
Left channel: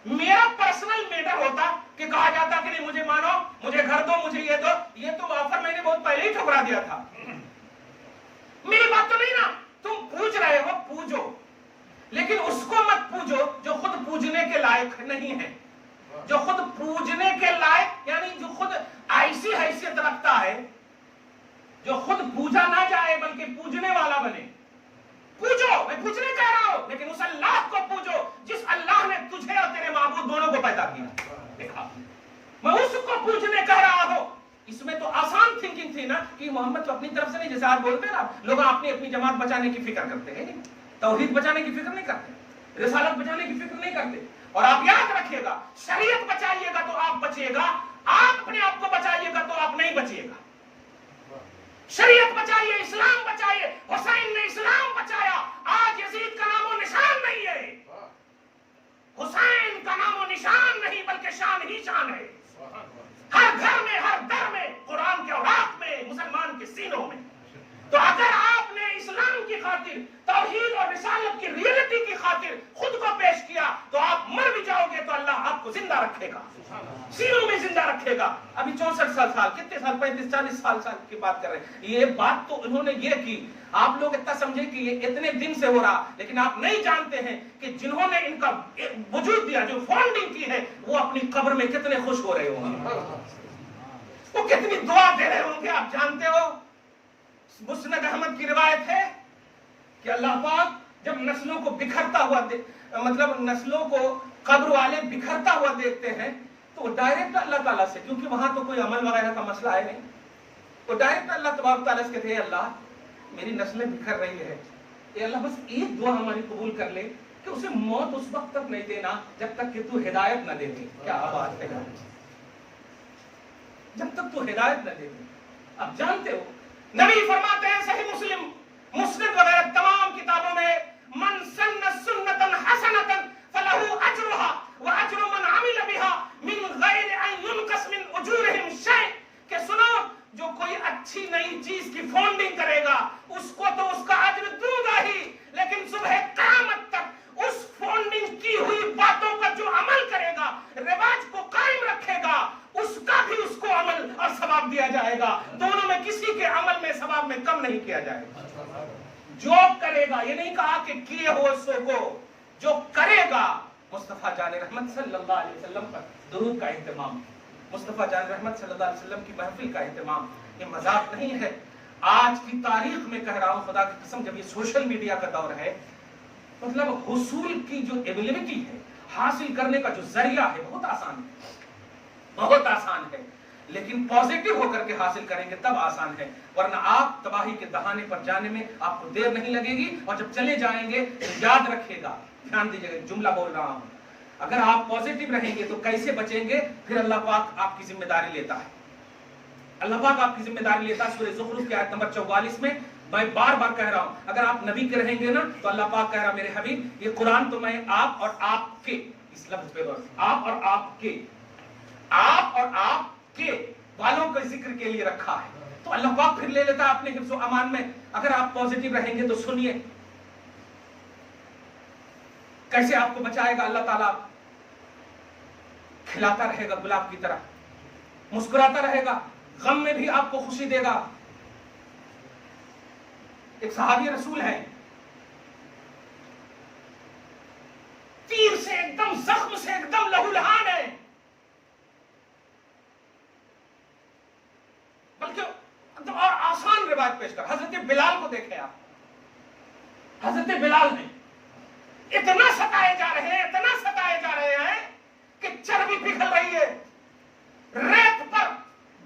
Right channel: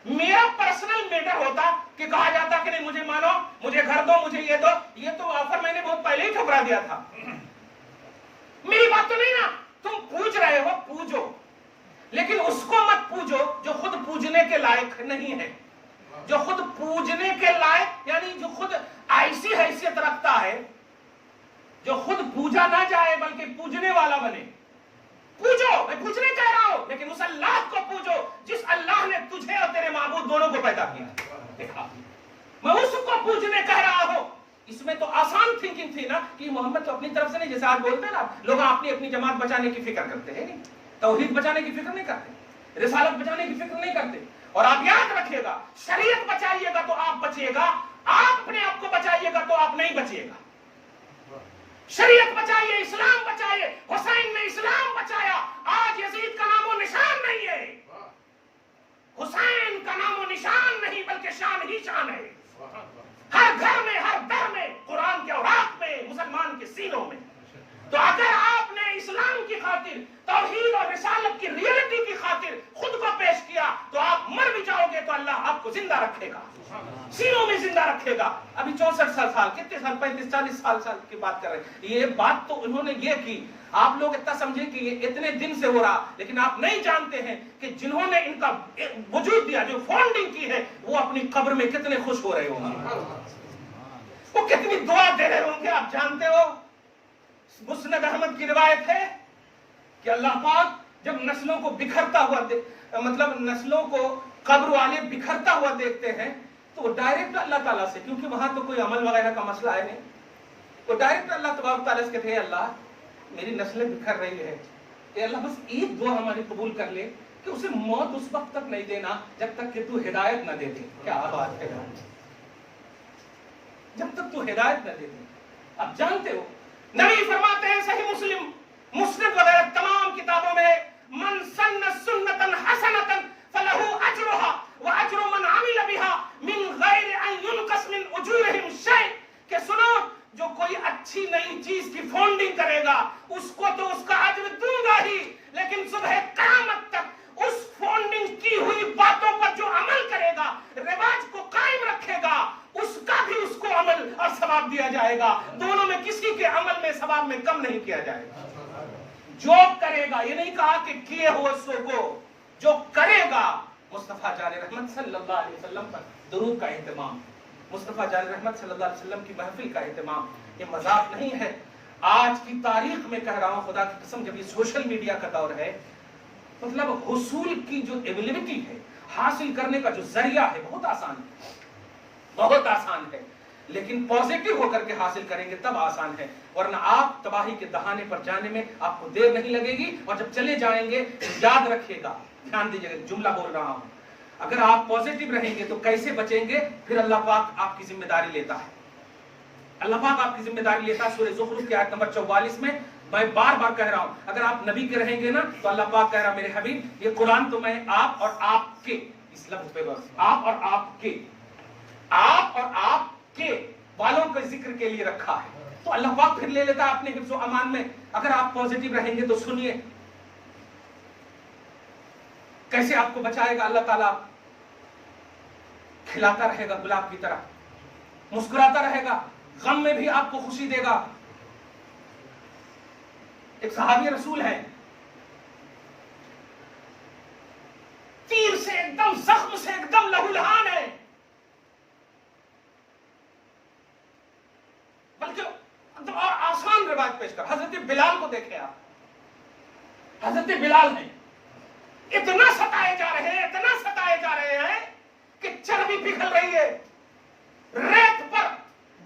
میرا پرسنل میٹر ہوتا کہ کہا جاتا کہ نہیں مجھے مانو, مجھے گھر دو, مجھے یہ دو, یہ تو آفر میں نے بہت پہلے ہی ٹھکرا دیا تھا. میری بات تو نہیں نا, تم پوچھ رہے ہو پوجو, لیکن اس کو مت پوجو جو خود پوجنے کے لائق نہیں ہے, جو خود پوجنے کے لائق یعنی جو خود ایسی حیثیت رکھتا ہے جو خود پوجا نہ جائے بلکہ پوجنے والا بنے. پوجو, میں پوجنے کہہ رہا ہوں, لیکن اس اللہ کو پوجو جس اللہ نے تجھے اور تیرے معبود دونوں کو پیدا کیا. دیکھا, میں اس کو پوجنے کہہ رہا ہوں. اس میں تو آسان تھنکنگ تھی نا کہ محمد تو اپنی طرف سے نہیں, جیسے آج بولتے ہیں نا لوگ اپنی اپنی جماعت بچانے کی فکر کرتے ہیں, نہیں توحید بچانے کی فکر نہیں کرتے, رسالت بچانے کی فکر نہیں کرتے. اور آپ یاد رکھیے گا, شریعت بچائیے گا تو آپ بچیے گا, آپ اپنے آپ کو بچائیے گا تو آپ نہیں بچیے گا. شریعت بچائیے, اسلام بچائیے. حسین نے اسلام بچایا, آج یزید کا نام و نشان نہیں ہے. حسین کا نام و نشان نہیں بلکہ شان ہی شان ہے. ہر گھر میں, ہر در میں, قرآن کے اوراق میں, مسلمان کے سینوں میں. تو اگر آپ نے اسلام کی خاطر, توحید اور رسالت کی ریئلٹی کی خاطر خود کو پیش کیا تو آپ مر بھی جاؤ گے تو اللہ آپ کو زندہ رکھے گا, سینوں میں زندہ رکھے گا. ابھی 64 سال کتنے سال, 35-40 سال کی بات کر رہے ہیں. یہ بات تو انہوں نے یہ کی, آپ لوگ اتنا سمجھے کہ یہ اتنے دن سے ہو رہا, لیکن آپ نہیں جانتے ہیں کہ جنہوں نے ان کا وجود دیا, جو فاؤنڈنگ کی ہے, وہ اپنی قبر میں کتنے خوش ہو رہے ہوں گے, وہ کتنی دعا دے رہے ہوں گے. آپ جانتے ہو مسند احمد کی روایت ہے کہ اللہ پاک جب نسلوں کو بکھرتا ہوا مطلب نسلوں کو قبر والے بکھرتا ہوا دیکھتے ہیں تو وہ ڈائریکٹ اللہ تعالیٰ سے, کیونکہ وہاں تو کوئی عمل وغیرہ کا مسئلہ ہے نہیں, وہ ڈائریکٹ اللہ تبارک تعالیٰ سے کہتے ہیں اللہ میری نسلیں بکھر رہی ہے, اے اللہ بس ایک دعا ہماری قبول کر لے کہ اسے موت اس وقت تک نہیں دینا جب تک کہ تو ہدایت نہ دے دے. کیا بات ہے, جب تک تو ہدایت نہ دے دے. اب جانتے ہو نبی فرماتے ہیں صحیح مسلم, مسند وغیرہ تمام کتابوں میں, من سن سنتا حسنتا فله اجرها واجر من عمل بها من غیر ان ينقص من اجورهم شيء. کہ سنو, جو کوئی اچھی نئی چیز کی فاؤنڈنگ کرے گا اس کو تو اس کا اجر دوں گا ہی, لیکن صبح قیامت تک اس فاؤنڈنگ کی ہوئی باتوں پر جو عمل کرے گا, رواج کو قائم رکھے گا, اس کا بھی اس کو عمل اور ثواب دیا جائے گا. دونوں میں کسی کے عمل میں ثواب میں کم نہیں کیا جائے گا. جو کرے گا, یہ نہیں کہا کہ کیے ہو سو کو, جو کرے گا. مصطفیٰ جان رحمت صلی اللہ علیہ وسلم پر درود کا اہتمام, مصطفیٰ جان رحمت صلی اللہ علیہ وسلم کی محفل کا اہتمام, یہ مذاق نہیں ہے. آج کی تاریخ میں کہہ رہا ہوں خدا کی قسم, جب یہ سوشل میڈیا کا دور ہے, مطلب حصول کی جو ایبیلٹی ہے, حاصل کرنے کا جو ذریعہ ہے, بہت آسان ہے, بہت آسان ہے. لیکن پازیٹیو ہو کر کے حاصل کریں گے تب آسان ہے, ورنہ آپ تباہی کے دہانے پر جانے میں آپ کو دیر نہیں لگے گی. اور جب چلے جائیں گے تو یاد رکھیے گا, دھیان دیجیے گا, جملہ بول رہا ہوں, اگر آپ پازیٹیو رہیں گے تو کیسے بچیں گے, پھر اللہ پاک آپ کی ذمہ داری لیتا ہے. اللہ پاک آپ کی ذمہ داری لیتا ہے. سورہ زخرف کی آیت نمبر 44 میں میں بار بار کہہ رہا ہوں, اگر آپ نبی کے رہیں گے نا تو اللہ پاک کہہ رہا میرے حبیب یہ قرآن تو میں آپ اور آپ کے, اس لفظ پہ بس, آپ اور آپ کے, آپ اور آپ کے والوں کے ذکر کے لیے رکھا ہے. تو اللہ پاک پھر لے لیتا ہے اپنے حفظ و امان میں. اگر آپ پازیٹیو رہیں گے تو سنیے کیسے آپ کو بچائے گا اللہ تعالیٰ. کھلاتا رہے گا گلاب کی طرح, مسکراتا رہے گا, غم میں بھی آپ کو خوشی دے گا. ایک صحابی رسول ہے, تیر سے ایک دم, زخم سے ایک دم لہولہان ہے, روایت پیش کر. حضرت بلال کو دیکھیں آپ. حضرت بلال نے اتنا ستائے جا رہے ہیں, اتنا ستائے جا رہے ہیں کہ چربی پگھل رہی ہے. ریت پر,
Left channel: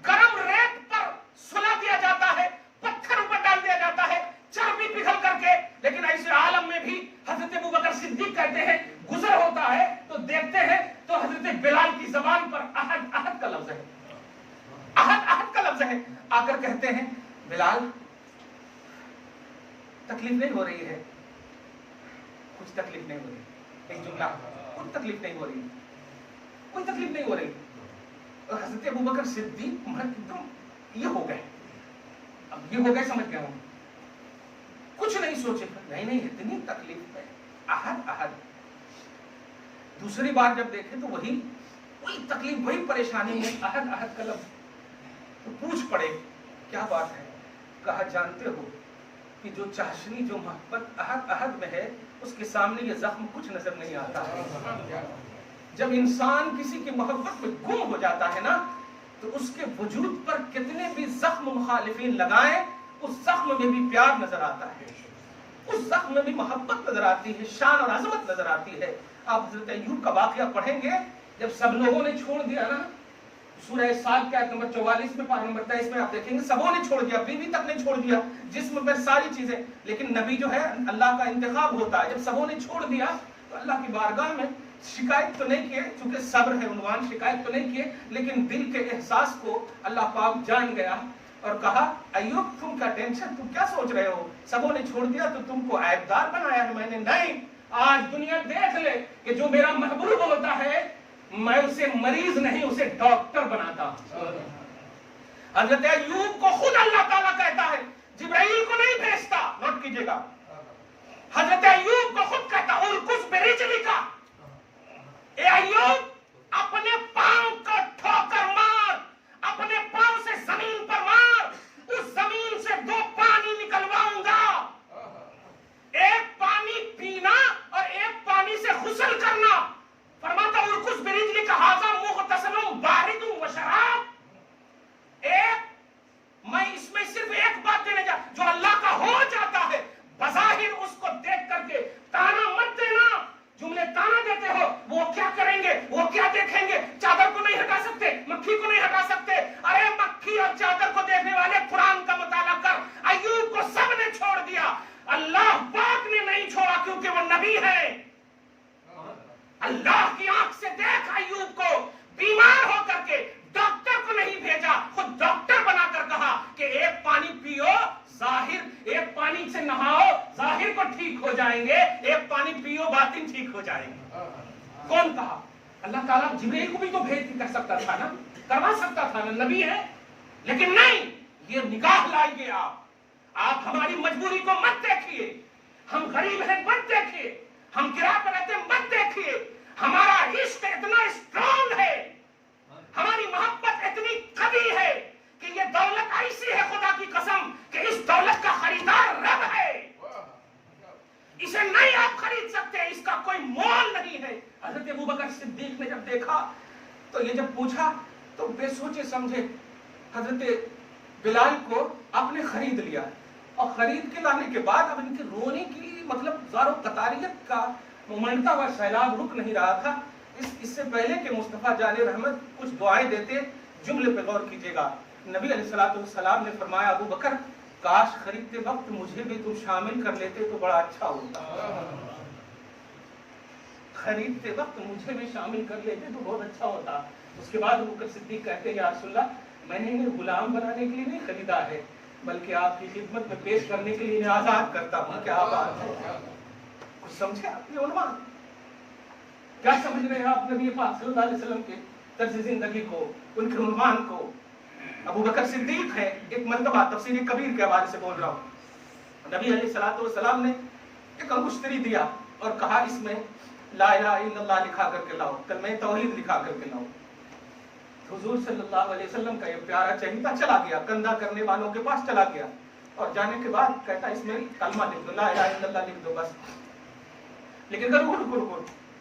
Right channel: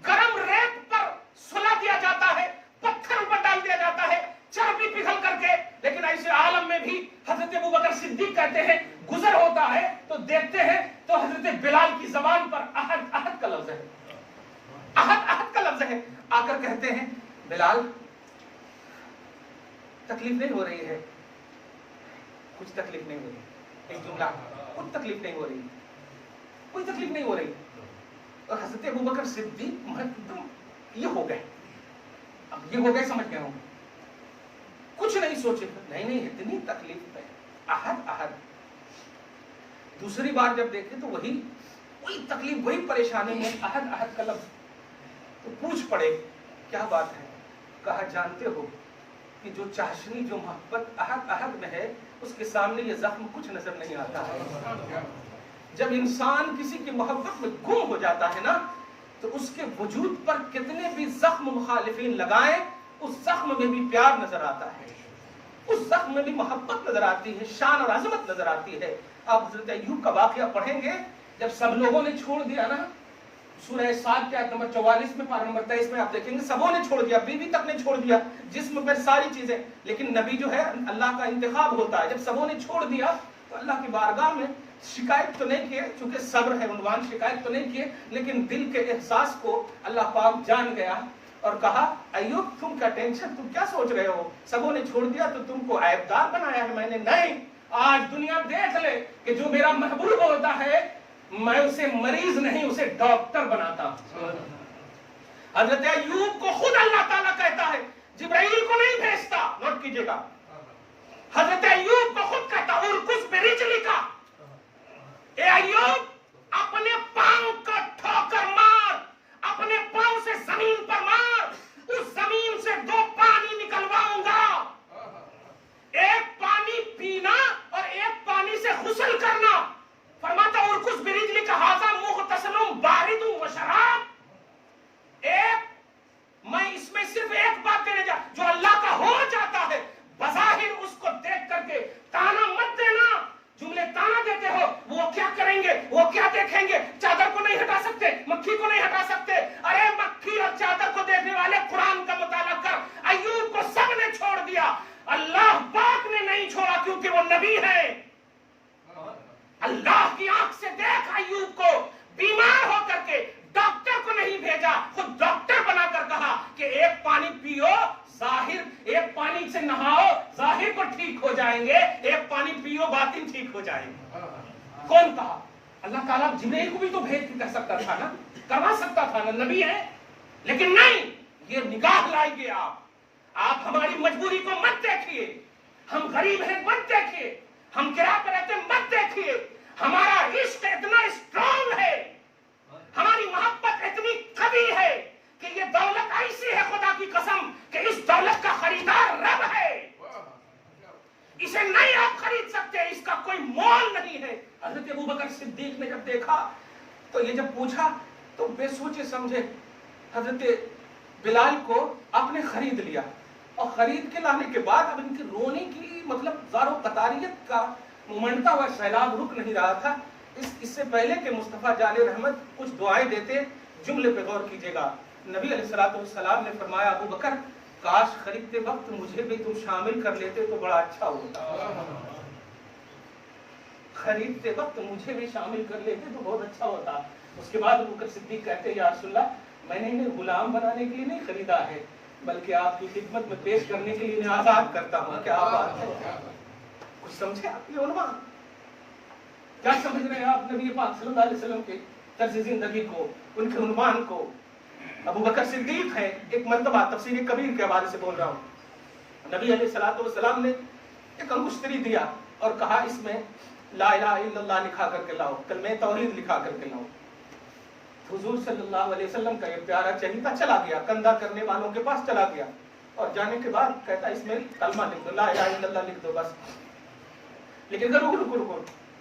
گرم ریت پر سلا دیا جاتا ہے, پتھر پر ڈال دیا جاتا ہے چربی پگھل کر کے. لیکن ایسے عالم میں بھی حضرت ابوبکر صدیق کہتے ہیں گزر ہوتا ہے تو دیکھتے ہیں تو حضرت بلال کی زبان پر احد احد کا لفظ ہے, احد احد کا لفظ ہے. آ کر کہتے ہیں بلال تکلیف نہیں ہو رہی ہے, کچھ تکلیف نہیں ہو رہی. ایک جملہ, کچھ تکلیف نہیں ہو رہی, کوئی تکلیف نہیں ہو رہی. اور حضرت ابوبکر صدیق ایک دم یہ ہو گئے, اب یہ ہو گئے, سمجھ گئے ہوں, کچھ نہیں سوچے, نہیں اتنی تکلیف ہے, احد احد. دوسری بار جب دیکھے تو وہی تکلیف, وہی پریشانی میں احد احد کا لفظ. تو پوچھ پڑے کیا بات ہے؟ کہا جانتے ہو کہ جو چاشنی, جو محبت احد احد میں ہے, اس کے سامنے یہ زخم کچھ نظر نہیں آتا ہے. جب انسان کسی کی محبت میں گم ہو جاتا ہے نا, تو اس کے وجود پر کتنے بھی زخم مخالفین لگائیں, اس زخم میں بھی پیار نظر آتا ہے, اس زخم میں بھی محبت نظر آتی ہے, شان اور عظمت نظر آتی ہے. آپ حضرت ایوب کا واقعہ پڑھیں گے, جب سب لوگوں نے چھوڑ دیا نا, سورہ صاد کے آیت نمبر 44 میں, پارہ نمبر 23 میں آپ دیکھیں گے سبوں نے چھوڑ دیا, بیوی تک نے چھوڑ دیا, جسم پر ساری چیزیں. لیکن نبی جو ہے اللہ کا انتخاب ہوتا ہے, جب سبوں نے چھوڑ دیا تو اللہ کی بارگاہ میں شکایت تو نہیں کیے, چونکہ صبر ہے عنوان, شکایت تو نہیں کیے, لیکن دل کے احساس کو اللہ پاک جان گیا اور کہا ایوب تم کا ٹینشن, تم کیا سوچ رہے ہو, سبوں نے چھوڑ دیا تو تم کو عیبدار بنایا ہے میں نے. نہیں, آج دنیا دیکھ لے کہ جو میرا محبوب ہوتا ہے میں اسے مریض نہیں, اسے ڈاکٹر بناتا ہوں. حضرت ایوب کو خود اللہ تعالیٰ کہتا ہے, جبرائیل کو نہیں بھیجتا, نوٹ کیجئے گا, حضرت ایوب کو خود کہتا ارکض برجلک, اے ایوب اپنے پاؤں کا ٹھوکر مار, اپنے پاؤں سے زمین پر مار, اس زمین سے 2 پانی نکلواؤں گا, ایک پانی پینا اور ایک پانی سے غسل کرنا. فرماتا ارکض برجلک ھذا مغتسل بارد و شراب. میں اس میں صرف ایک بات دینے جا, جو اللہ کا ہو جاتا ہے بظاہر اس کو دیکھ کر کے تانا مت دینا. جملے تانا دیتے ہو, وہ کیا کریں گے, وہ کیا دیکھیں گے, چادر کو نہیں ہٹا سکتے, مکھی کو نہیں ہٹا سکتے. ارے مکھی اور چادر کو دیکھنے والے قرآن کا مطالعہ کر. ایوب کو سب نے چھوڑ دیا, اللہ پاک نے نہیں چھوڑا کیونکہ وہ نبی ہے. اللہ کی آنکھ سے دیکھ ایوب کو, بیمار ہو کر کے ڈاکٹر کو نہیں بھیجا, خود ڈاکٹر بنا کر کہا کہ ایک پانی پیو, ظاہر ایک پانی سے نہاؤ, ظاہر کو ٹھیک ہو جائیں گے, ایک پانی پیو باطن ٹھیک ہو جائیں گے. کون کہا؟ اللہ تعالیٰ جبرائیل کو بھی تو بھیج کے کر سکتا تھا نا, کروا سکتا تھا نا, نبی ہے. لیکن نہیں, یہ نگاہ لائیے آپ ہماری مجبوری کو مت دیکھیے, ہم غریب ہیں مت دیکھیے, ہم کرایہ پر رہتے مت دیکھیے. ہمارا عشق اتنا اسٹرانگ ہے, ہماری محبت اتنی قوی ہے کہ یہ دولت ایسی ہے خدا کی قسم کہ اس دولت کا خریدار رب ہے. اسے نہیں آپ خرید سکتے, اس کا کوئی مول نہیں ہے. حضرت ابوبکر صدیق نے جب دیکھا تو یہ جب پوچھا تو بے سوچے سمجھے حضرت بلال کو آپ نے خرید لیا, اور خرید کے لانے کے بعد اب ان کے رونے کی مطلب زار و قطاریت کا ممنڈتا ہوا سیلاب رک نہیں رہا تھا. اس سے پہلے کہ مصطفیٰ جان رحمت کچھ دعائیں دیتے, جملے پہ غور کیجئے گا. نبی علیہ الصلوۃ والسلام نے فرمایا ابوبکر کاش خریدتے وقت مجھے بھی تم شامل کر لیتے تو بڑا اچھا ہوتا, خریدتے وقت مجھے بھی شامل کر لیتے تو بہت اچھا ہوتا. اس کے بعد ابوبکر صدیق کہتے ہیں یا رسول اللہ میں نے انہیں غلام بنانے کے لیے نہیں خریدا ہے, بلکہ آپ کی خدمت میں پیش کرنے کے لیے انہیں آزاد کرتا ہوں. کیا بات ہے, کچھ سمجھے آپ یہ عنوان, کیا سمجھ رہے ہیں آپ نبی پاک صلی اللہ علیہ وسلم کے طرز زندگی کو, ان کے عنوان کو. ابوبکر صدیق ہے, ایک مرتبہ تفسیر کبیر کے حوالے سے بول رہا ہوں, نبی علیہ الصلوۃ والسلام نے ایک انگشتری دیا اور کہا اس میں لا الہ الا اللہ لکھا کر کے لاؤ, کلمہ توحید لکھا کر کے لاؤ. حضور صلی اللہ علیہ وسلم کا یہ پیارا چہیتا چلا گیا, کندھا کرنے والوں کے پاس چلا گیا, اور جانے کے بعد کہتا اس میں کلمہ لکھ دو, لا الہ الا اللہ لکھ دو بس. لیکن رکو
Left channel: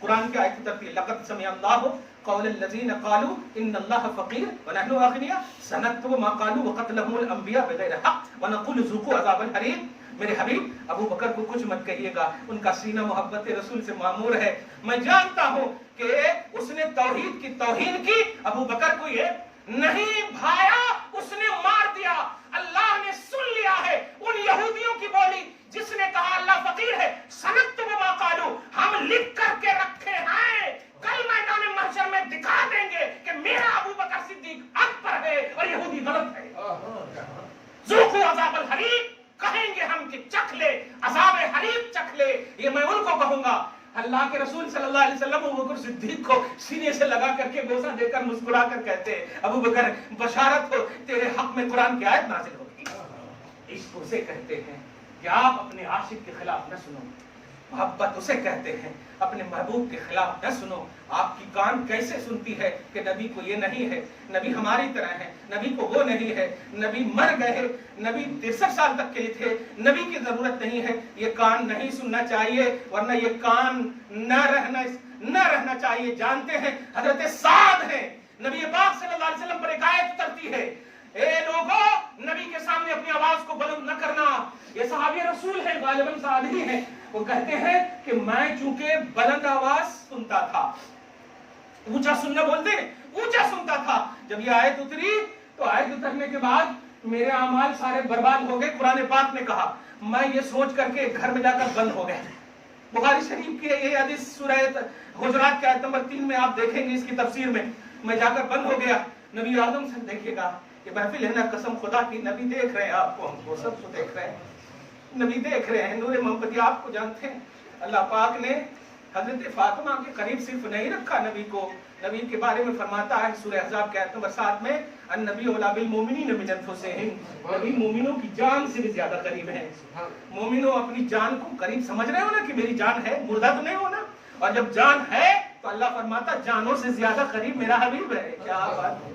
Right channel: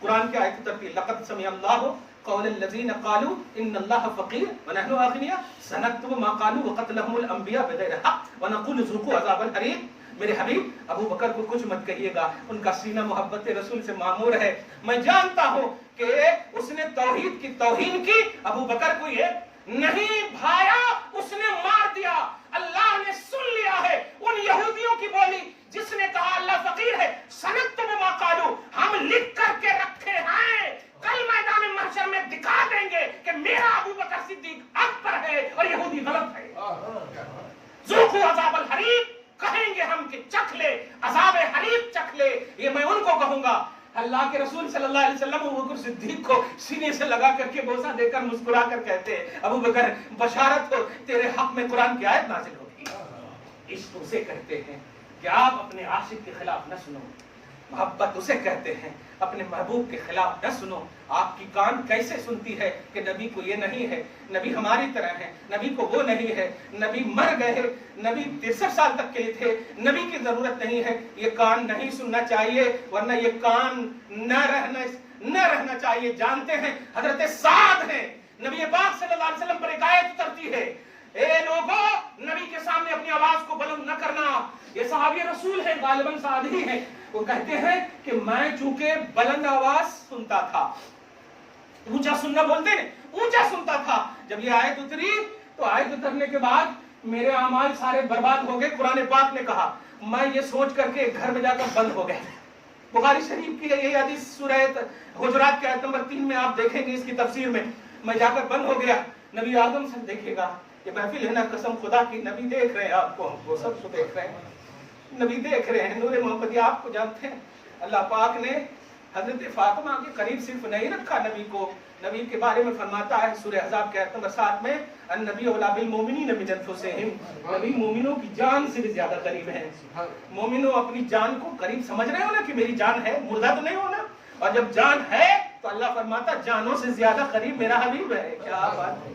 قرآن کی آیت اترتی ہے لقد سمع اللہ قول الذین قالوا ان اللہ فقیر ونحن اغنیاء سنکتب ما قالوا وقتلهم الانبیاء بغیر حق ونقول ذوقوا عذاب الحریق. میرے حبیب ابو بکر کو کچھ مت کہیے گا، ان کا سینہ محبت رسول سے معمور ہے. میں جانتا ہوں کہ اس نے توحید کی توہین کی، ابو بکر کو یہ نہیں بھایا، اس نے مار دیا. اللہ نے سن لیا ہے ان یہودیوں کی بولی جس نے کہا اللہ فقیر ہے. سنکتب ما قالوا، ہم لکھ کر کے رکھے ہیں، کل میدان محشر میں دکھا دیں گے کہ میرا ابو بکر صدیق حق پر ہے اور یہودی غلط ہے. ذوقوا عذاب الحریق، کہیں گے ہم کہ چکھ لے عذاب حریق، چکھ لے. یہ میں ان کو کہوں گا. اللہ کے رسول صلی اللہ علیہ وسلم ابو بکر صدیق کو سینے سے لگا کر کے بوسہ دے کر مسکرا کر کہتے ہیں ابو بکر بشارت ہو، تیرے حق میں قرآن کی آیت نازل ہوگی. عشق اسے کہتے ہیں کہ آپ اپنے عاشق کے خلاف نہ سنو، محبت اسے کہتے ہیں اپنے محبوب کے خلاف نہ سنو. آپ کی کان کیسے سنتی ہے کہ نبی کو یہ نہیں ہے، نبی ہماری طرح ہے، نبی کو وہ نہیں ہے، نبی مر گئے، نبی 63 سال تک کے لیے تھے، نبی کی ضرورت نہیں ہے. یہ کان نہیں سننا چاہیے، ورنہ یہ کان نہ رہنا چاہیے. جانتے ہیں حضرت سعد ہیں، نبی پاک صلی اللہ علیہ وسلم پر ایک آیت اترتی ہے، اے لوگوں نبی کے سامنے اپنی آواز کو بلند نہ کرنا. یہ صحابی رسول ہیں، غالباً سعد ہی ہیں. وہ کہتے ہیں کہ میں چونکہ بلند آواز سنتا تھا، اونچا سننا بولتے ہیں، اونچا سنتا تھا. جب یہ آیت اتری تو آیت اترنے کے بعد میرے اعمال سارے برباد ہو گئے. قرآن پاک نے کہا، میں یہ سوچ کر کے گھر میں جا کر بند ہو گئے. بخاری شریف کی یہ حدیث سورہ حجرات کی آیت نمبر 3 میں آپ دیکھیں گے اس کی تفسیر میں. میں جا کر بند ہو گیا. نبی آدم سے دیکھے گا، یہ محفل ہے نا، قسم خدا کی نبی دیکھ رہے ہیں آپ کو، ہم کو سب کو دیکھ رہے ہیں، نبی دیکھ رہے ہیں. نور محمدی آپ کو جانتے ہیں. اللہ پاک نے حضرت فاطمہ کے قریب صرف نہیں رکھا نبی کو، نبی کے بارے میں فرماتا ہے سورہ احزاب کے آیت نمبر 7 میں، النبی اولی بالمؤمنین من انفسہم، نبی مومنوں کی جان سے بھی زیادہ قریب ہے. مومنوں اپنی جان کو قریب سمجھ رہے ہو نا کہ میری جان ہے، مردہ تو نہیں ہونا. اور جب جان ہے تو اللہ فرماتا جانوں سے زیادہ قریب میرا حبیب ہے. کیا بات ہے.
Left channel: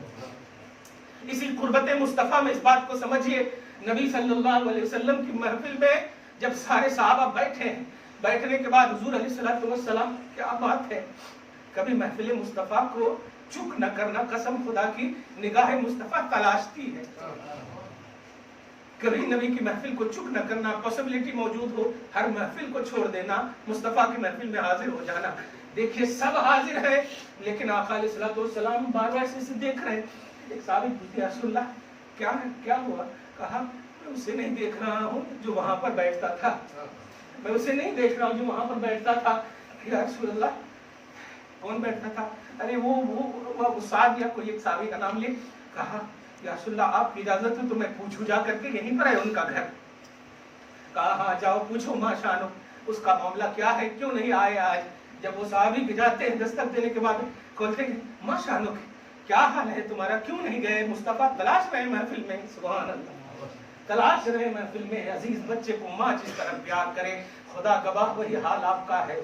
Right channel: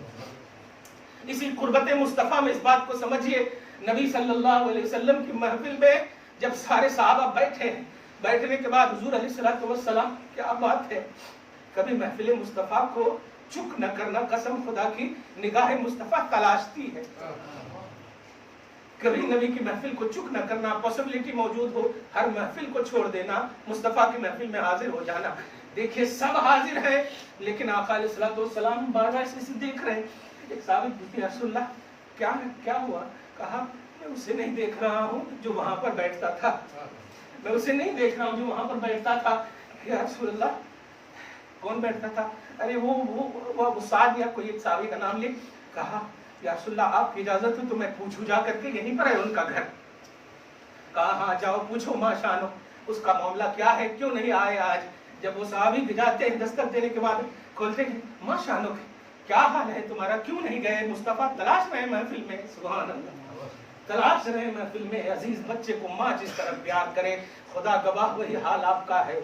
اسی قربت مصطفیٰ میں اس بات کو سمجھیے، نبی صلی اللہ علیہ وسلم کی محفل میں جب سارے صحابہ بیٹھے ہیں، بیٹھنے کے بعد حضور علیہ الصلوۃ والسلام، کیا بات ہے، کبھی محفل مصطفیٰ کو چک نہ کرنا. قسم خدا کی نگاہ مصطفیٰ تلاشتی ہے. کبھی نبی کی محفل کو چک نہ کرنا، پاسبلٹی موجود ہو ہر محفل کو چھوڑ دینا، مصطفیٰ کی محفل میں حاضر ہو جانا. دیکھیے سب حاضر ہیں لیکن آقا علیہ الصلوۃ والسلام بار بار سے دیکھ رہے ہیں. ایک صحابی پوچھتے رسول اللہ کیا ہوا؟ کہا میں اسے نہیں دیکھ رہا ہوں جو وہاں پر بیٹھتا تھا، میں اسے نہیں دیکھ رہا ہوں جو وہاں پر بیٹھتا تھا. یا رسول اللہ کون بیٹھتا تھا؟ ارے وہ سعد یا کوئی ایک صحابی کا نام لے. کہا یا رسول اللہ آپ کی اجازت ہے تو میں پوچھوں جا کر کے یہیں پر ہے ان کا گھر. کہا ہاں جاؤ پوچھو ما شانو، اس کا معاملہ کیا ہے، کیوں نہیں آئے آج. جب وہ صحابی جاتے ہیں دستک دینے کے بعد کھولتے ہیں، ما شانو کیا حال ہے تمہارا، کیوں نہیں گئے؟ مصطفیٰ تلاش رہے محفل میں. سبحان اللہ، تلاش رہے محفل میں. عزیز بچے کو ماں جس طرح پیار کرے، خدا گواہ وہی حال آپ کا ہے،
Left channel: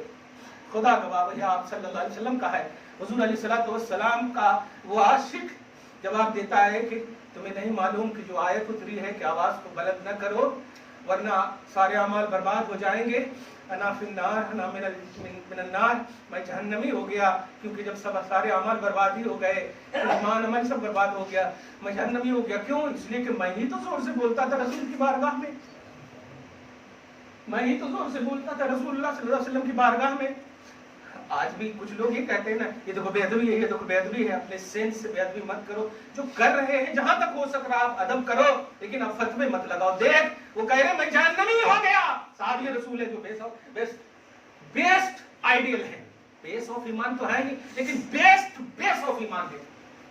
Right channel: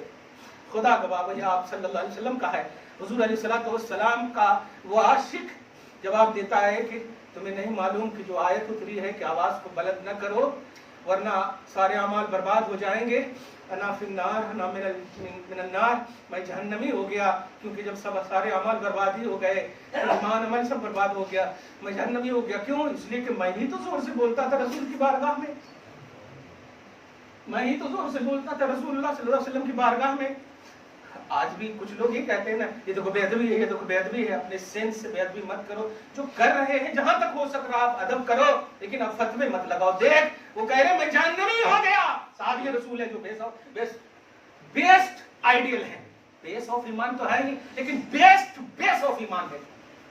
خدا گواہ وہی آپ صلی اللہ علیہ وسلم کا ہے. حضور علیہ الصلوۃ والسلام کا وہ عاشق جواب دیتا ہے کہ تمہیں نہیں معلوم کہ جو آیت اتری ہے کہ آواز کو بلند نہ کرو ورنہ سارے اعمال برباد ہو جائیں گے. انا فی النار، انا من النار، میں جہنمی ہو گیا کیونکہ جب سارے اعمال بربادی ہو گئے، ایمان عمل سب برباد ہو گیا، میں جہنمی ہو گیا. کیوں؟ اس لیے کہ میں ہی تو زور سے بولتا تھا رسول کی بارگاہ میں، میں ہی تو زور سے بولتا تھا رسول اللہ صلی اللہ علیہ وسلم کی بارگاہ میں. آج بھی کچھ لوگ یہ کہتے ہیں نا یہ دیکھو بے ادبی ہے، یہ دیکھو بے ادبی ہے. اپنے سینس سے بے ادبی مت کرو. جو کر رہے ہیں جہاں تک ہو سک رہا آپ ادب کرو، لیکن اب فتوے مت لگاؤ. دیکھ وہ کہہ رہے میں جہنمی ہو گیا. صحابی رسول ہے جو بیسٹ آئیڈیل ہے. بیس آف ایمان تو ہے نہیں لیکن بیس آف ایمان ہے.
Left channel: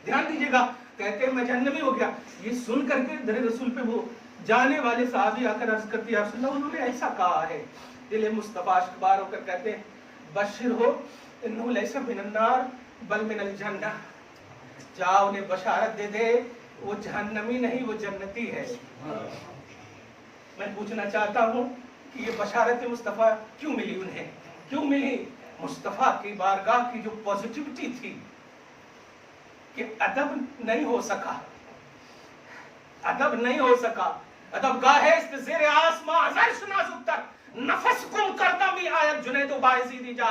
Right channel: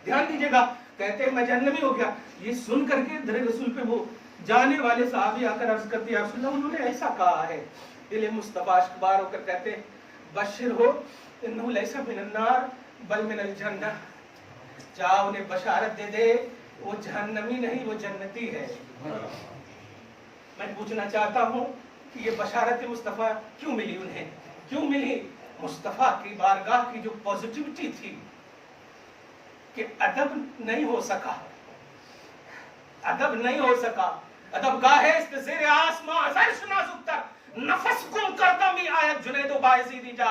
دھیان دیجیے گا. کہتے ہیں میں جہنمی ہو گیا. یہ سن کر کے در رسول پہ وہ جانے والے صحابی آ کر عرض کرتے ہیں رسول اللہ انہوں نے ایسا کہا ہے. دل مصطفیٰ اشکبار ہو کر کہتے ہیں بشر ہو انہو لیسا من النار بل من الجنہ. جاؤ انہیں بشارت دے دے وہ جہنمی نہیں وہ جنتی ہے. میں پوچھنا چاہتا ہوں کہ یہ بشارت مصطفیٰ کیوں ملی انہیں؟ کیوں ملی؟ مصطفیٰ کی بارگاہ کی جو پوزیٹیوٹی تھی کہ ادب نہیں ہو سکا، ادب نہیں ہو سکا. ادب گاہ است زیر آسمان عرش نازک تر نفس کم کردمی آیت جنید و باعثی دی جا.